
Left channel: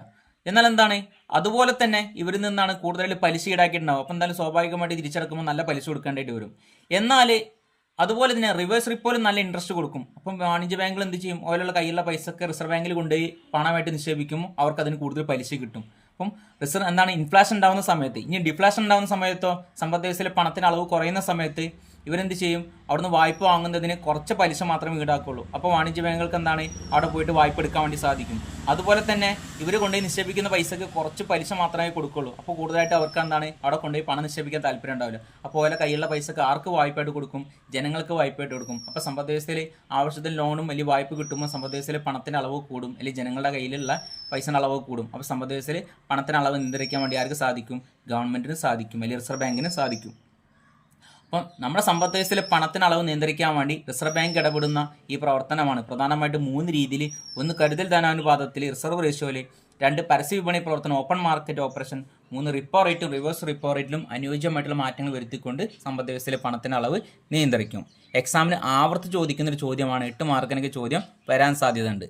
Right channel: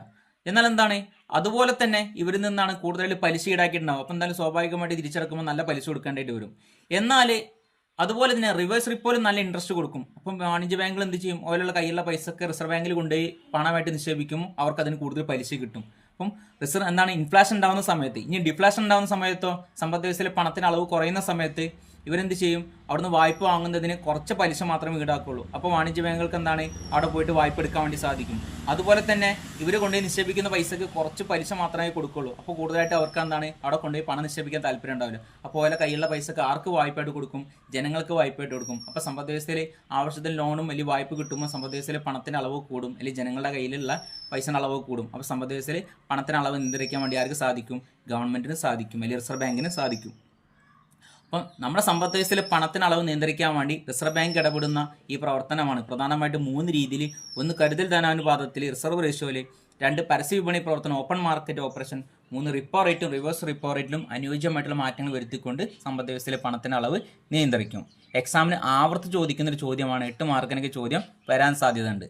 എന്നാൽ എന്താണ്? അതുപോലെ തന്നെ ഇവരിൽ നിന്നാണ് കൂടുതലായിട്ട് പലിശ ഈടാക്കിയിട്ടുണ്ടാവും. അപ്പോൾ എന്തായാലും സ്വാഭാവികമായിട്ട് തിരിച്ചടക്കുമ്പോൾ നല്ല പലിശ കൊടുക്കേണ്ടതായിട്ട് വരും. എന്നാൽ അതുപോലെ തന്നെ റിവേഴ്സ് റിപ്പോയിലും നല്ല ഇൻട്രസ്റ്റ് കൊടുക്കും. അപ്പം വാണിജ്യ ബാങ്കുകൾ എന്ത് ചെയ്യും? ഓരോ കയ്യിലുള്ള പൈസക്ക് റിസർവ് ബാങ്കിൽ കൊണ്ടുപോയി പണമായിട്ട് നിക്ഷേപിക്കുമ്പോൾ അവർക്ക് അതിന് കൂടുതൽ പലിശ കിട്ടും. അപ്പം എന്താണ്? ഇൻഫ്ലേഷൻ ഉണ്ടാകുന്ന സമയത്ത്, ഇനി ഡിഫ്ലേഷൻ ഉണ്ടാകുന്ന സമയത്തോ സമ്പദ് വ്യവസ്ഥയിലെ പണത്തിന് അളവ് കുറയുന്ന സമയത്ത് ഇവരെന്ത് ചെയ്യും? അവിടുന്ന് വായ്പ വാങ്ങുന്നതിന് കുറച്ച് പലിശ മാത്രമേ ഈടാക്കുള്ളൂ. അപ്പോൾ വാണിജ്യ ബാങ്കുകൾക്ക് എന്താണ്? അവിടെ പോയിട്ട് വായ്പ എടുക്കാൻ വേണ്ടി സാധിക്കും. അതുപോലെ തന്നെ ഇവർ കൊണ്ടുപോയി നിക്ഷേപിക്കുന്ന പൈസക്ക് കുറച്ച് പലിശ മാത്രമേ കൊടുക്കുള്ളൂ. അപ്പോൾ കൂടുതലായിട്ട് അവർക്ക് എന്താണ്? അവിടെ കൊണ്ടുപോയി പണം നിക്ഷേപിക്കാൻ താല്പര്യം ഉണ്ടാവില്ല. അപ്പോൾ ഓരോ കയ്യിലുള്ള പൈസക്ക് ആർക്ക് വായ്പയായിട്ട് കൊടുക്കും? ജനങ്ങൾക്ക് വായ്പയായിട്ട് കൊടുക്കും. അപ്പോൾ സമ്പദ് വ്യവസ്ഥയിൽ ആവശ്യത്തിന് ലോണും വലിയ വായ്പ കിട്ടുമ്പോൾ സമ്പദ് വ്യവസ്ഥയിൽ പണത്തിന് അളവ് കൂടും, അല്ലെങ്കിൽ ജനങ്ങളുടെ കയ്യിലുള്ള പൈസയുടെ അളവ് കൂടും. അപ്പോൾ സമ്പദ് വ്യവസ്ഥയിൽ പണത്തിന് അളവ് നിയന്ത്രിക്കാൻ വേണ്ടി ആർക്ക് സാധിക്കും? ഗവൺമെന്റിന് സാധിക്കും, അല്ലെങ്കിൽ റിസർവ് ബാങ്കിന് സാധിക്കും. അപ്പം നമ്മുടെ സമ്പദ് വ്യവസ്ഥയിലെ പണത്തിന് അളവ് നിയന്ത്രിക്കാൻ വേണ്ടി റിസർവ് ബാങ്ക് ഇടപെടുന്ന ഈ പ്രവർത്തനമാണ് പ്രധാനമായിട്ടും 3 രീതിയിൽ. 1 കരുതൽ ധനാനുപാതത്തിൽ, റിസർവ് റേഷ്യോയിൽ. 2 പരസ്യ വിപണി പ്രവർത്തനം ഓപ്പൺ മാർക്കറ്റ് ഓപ്പറേഷൻ. 3 റിപ്പോ റേറ്റും റിവേഴ്സ് റിപ്പോ റേറ്റിലും അനുയോജ്യമായിട്ടുള്ള മാറ്റങ്ങൾ വരുത്തിക്കൊണ്ട് സമ്പദ് വ്യവസ്ഥയിലെ പണത്തിന് അളവ് നിയന്ത്രിക്കും. എക്സാമിന് ആവർത്തിച്ച് ചോദിക്കുന്ന ഒരു ചോദ്യമാണ്. 8 മാർക്കിനൊക്കെ ചോദ്യം വരാൻ സാധ്യതയുണ്ട്.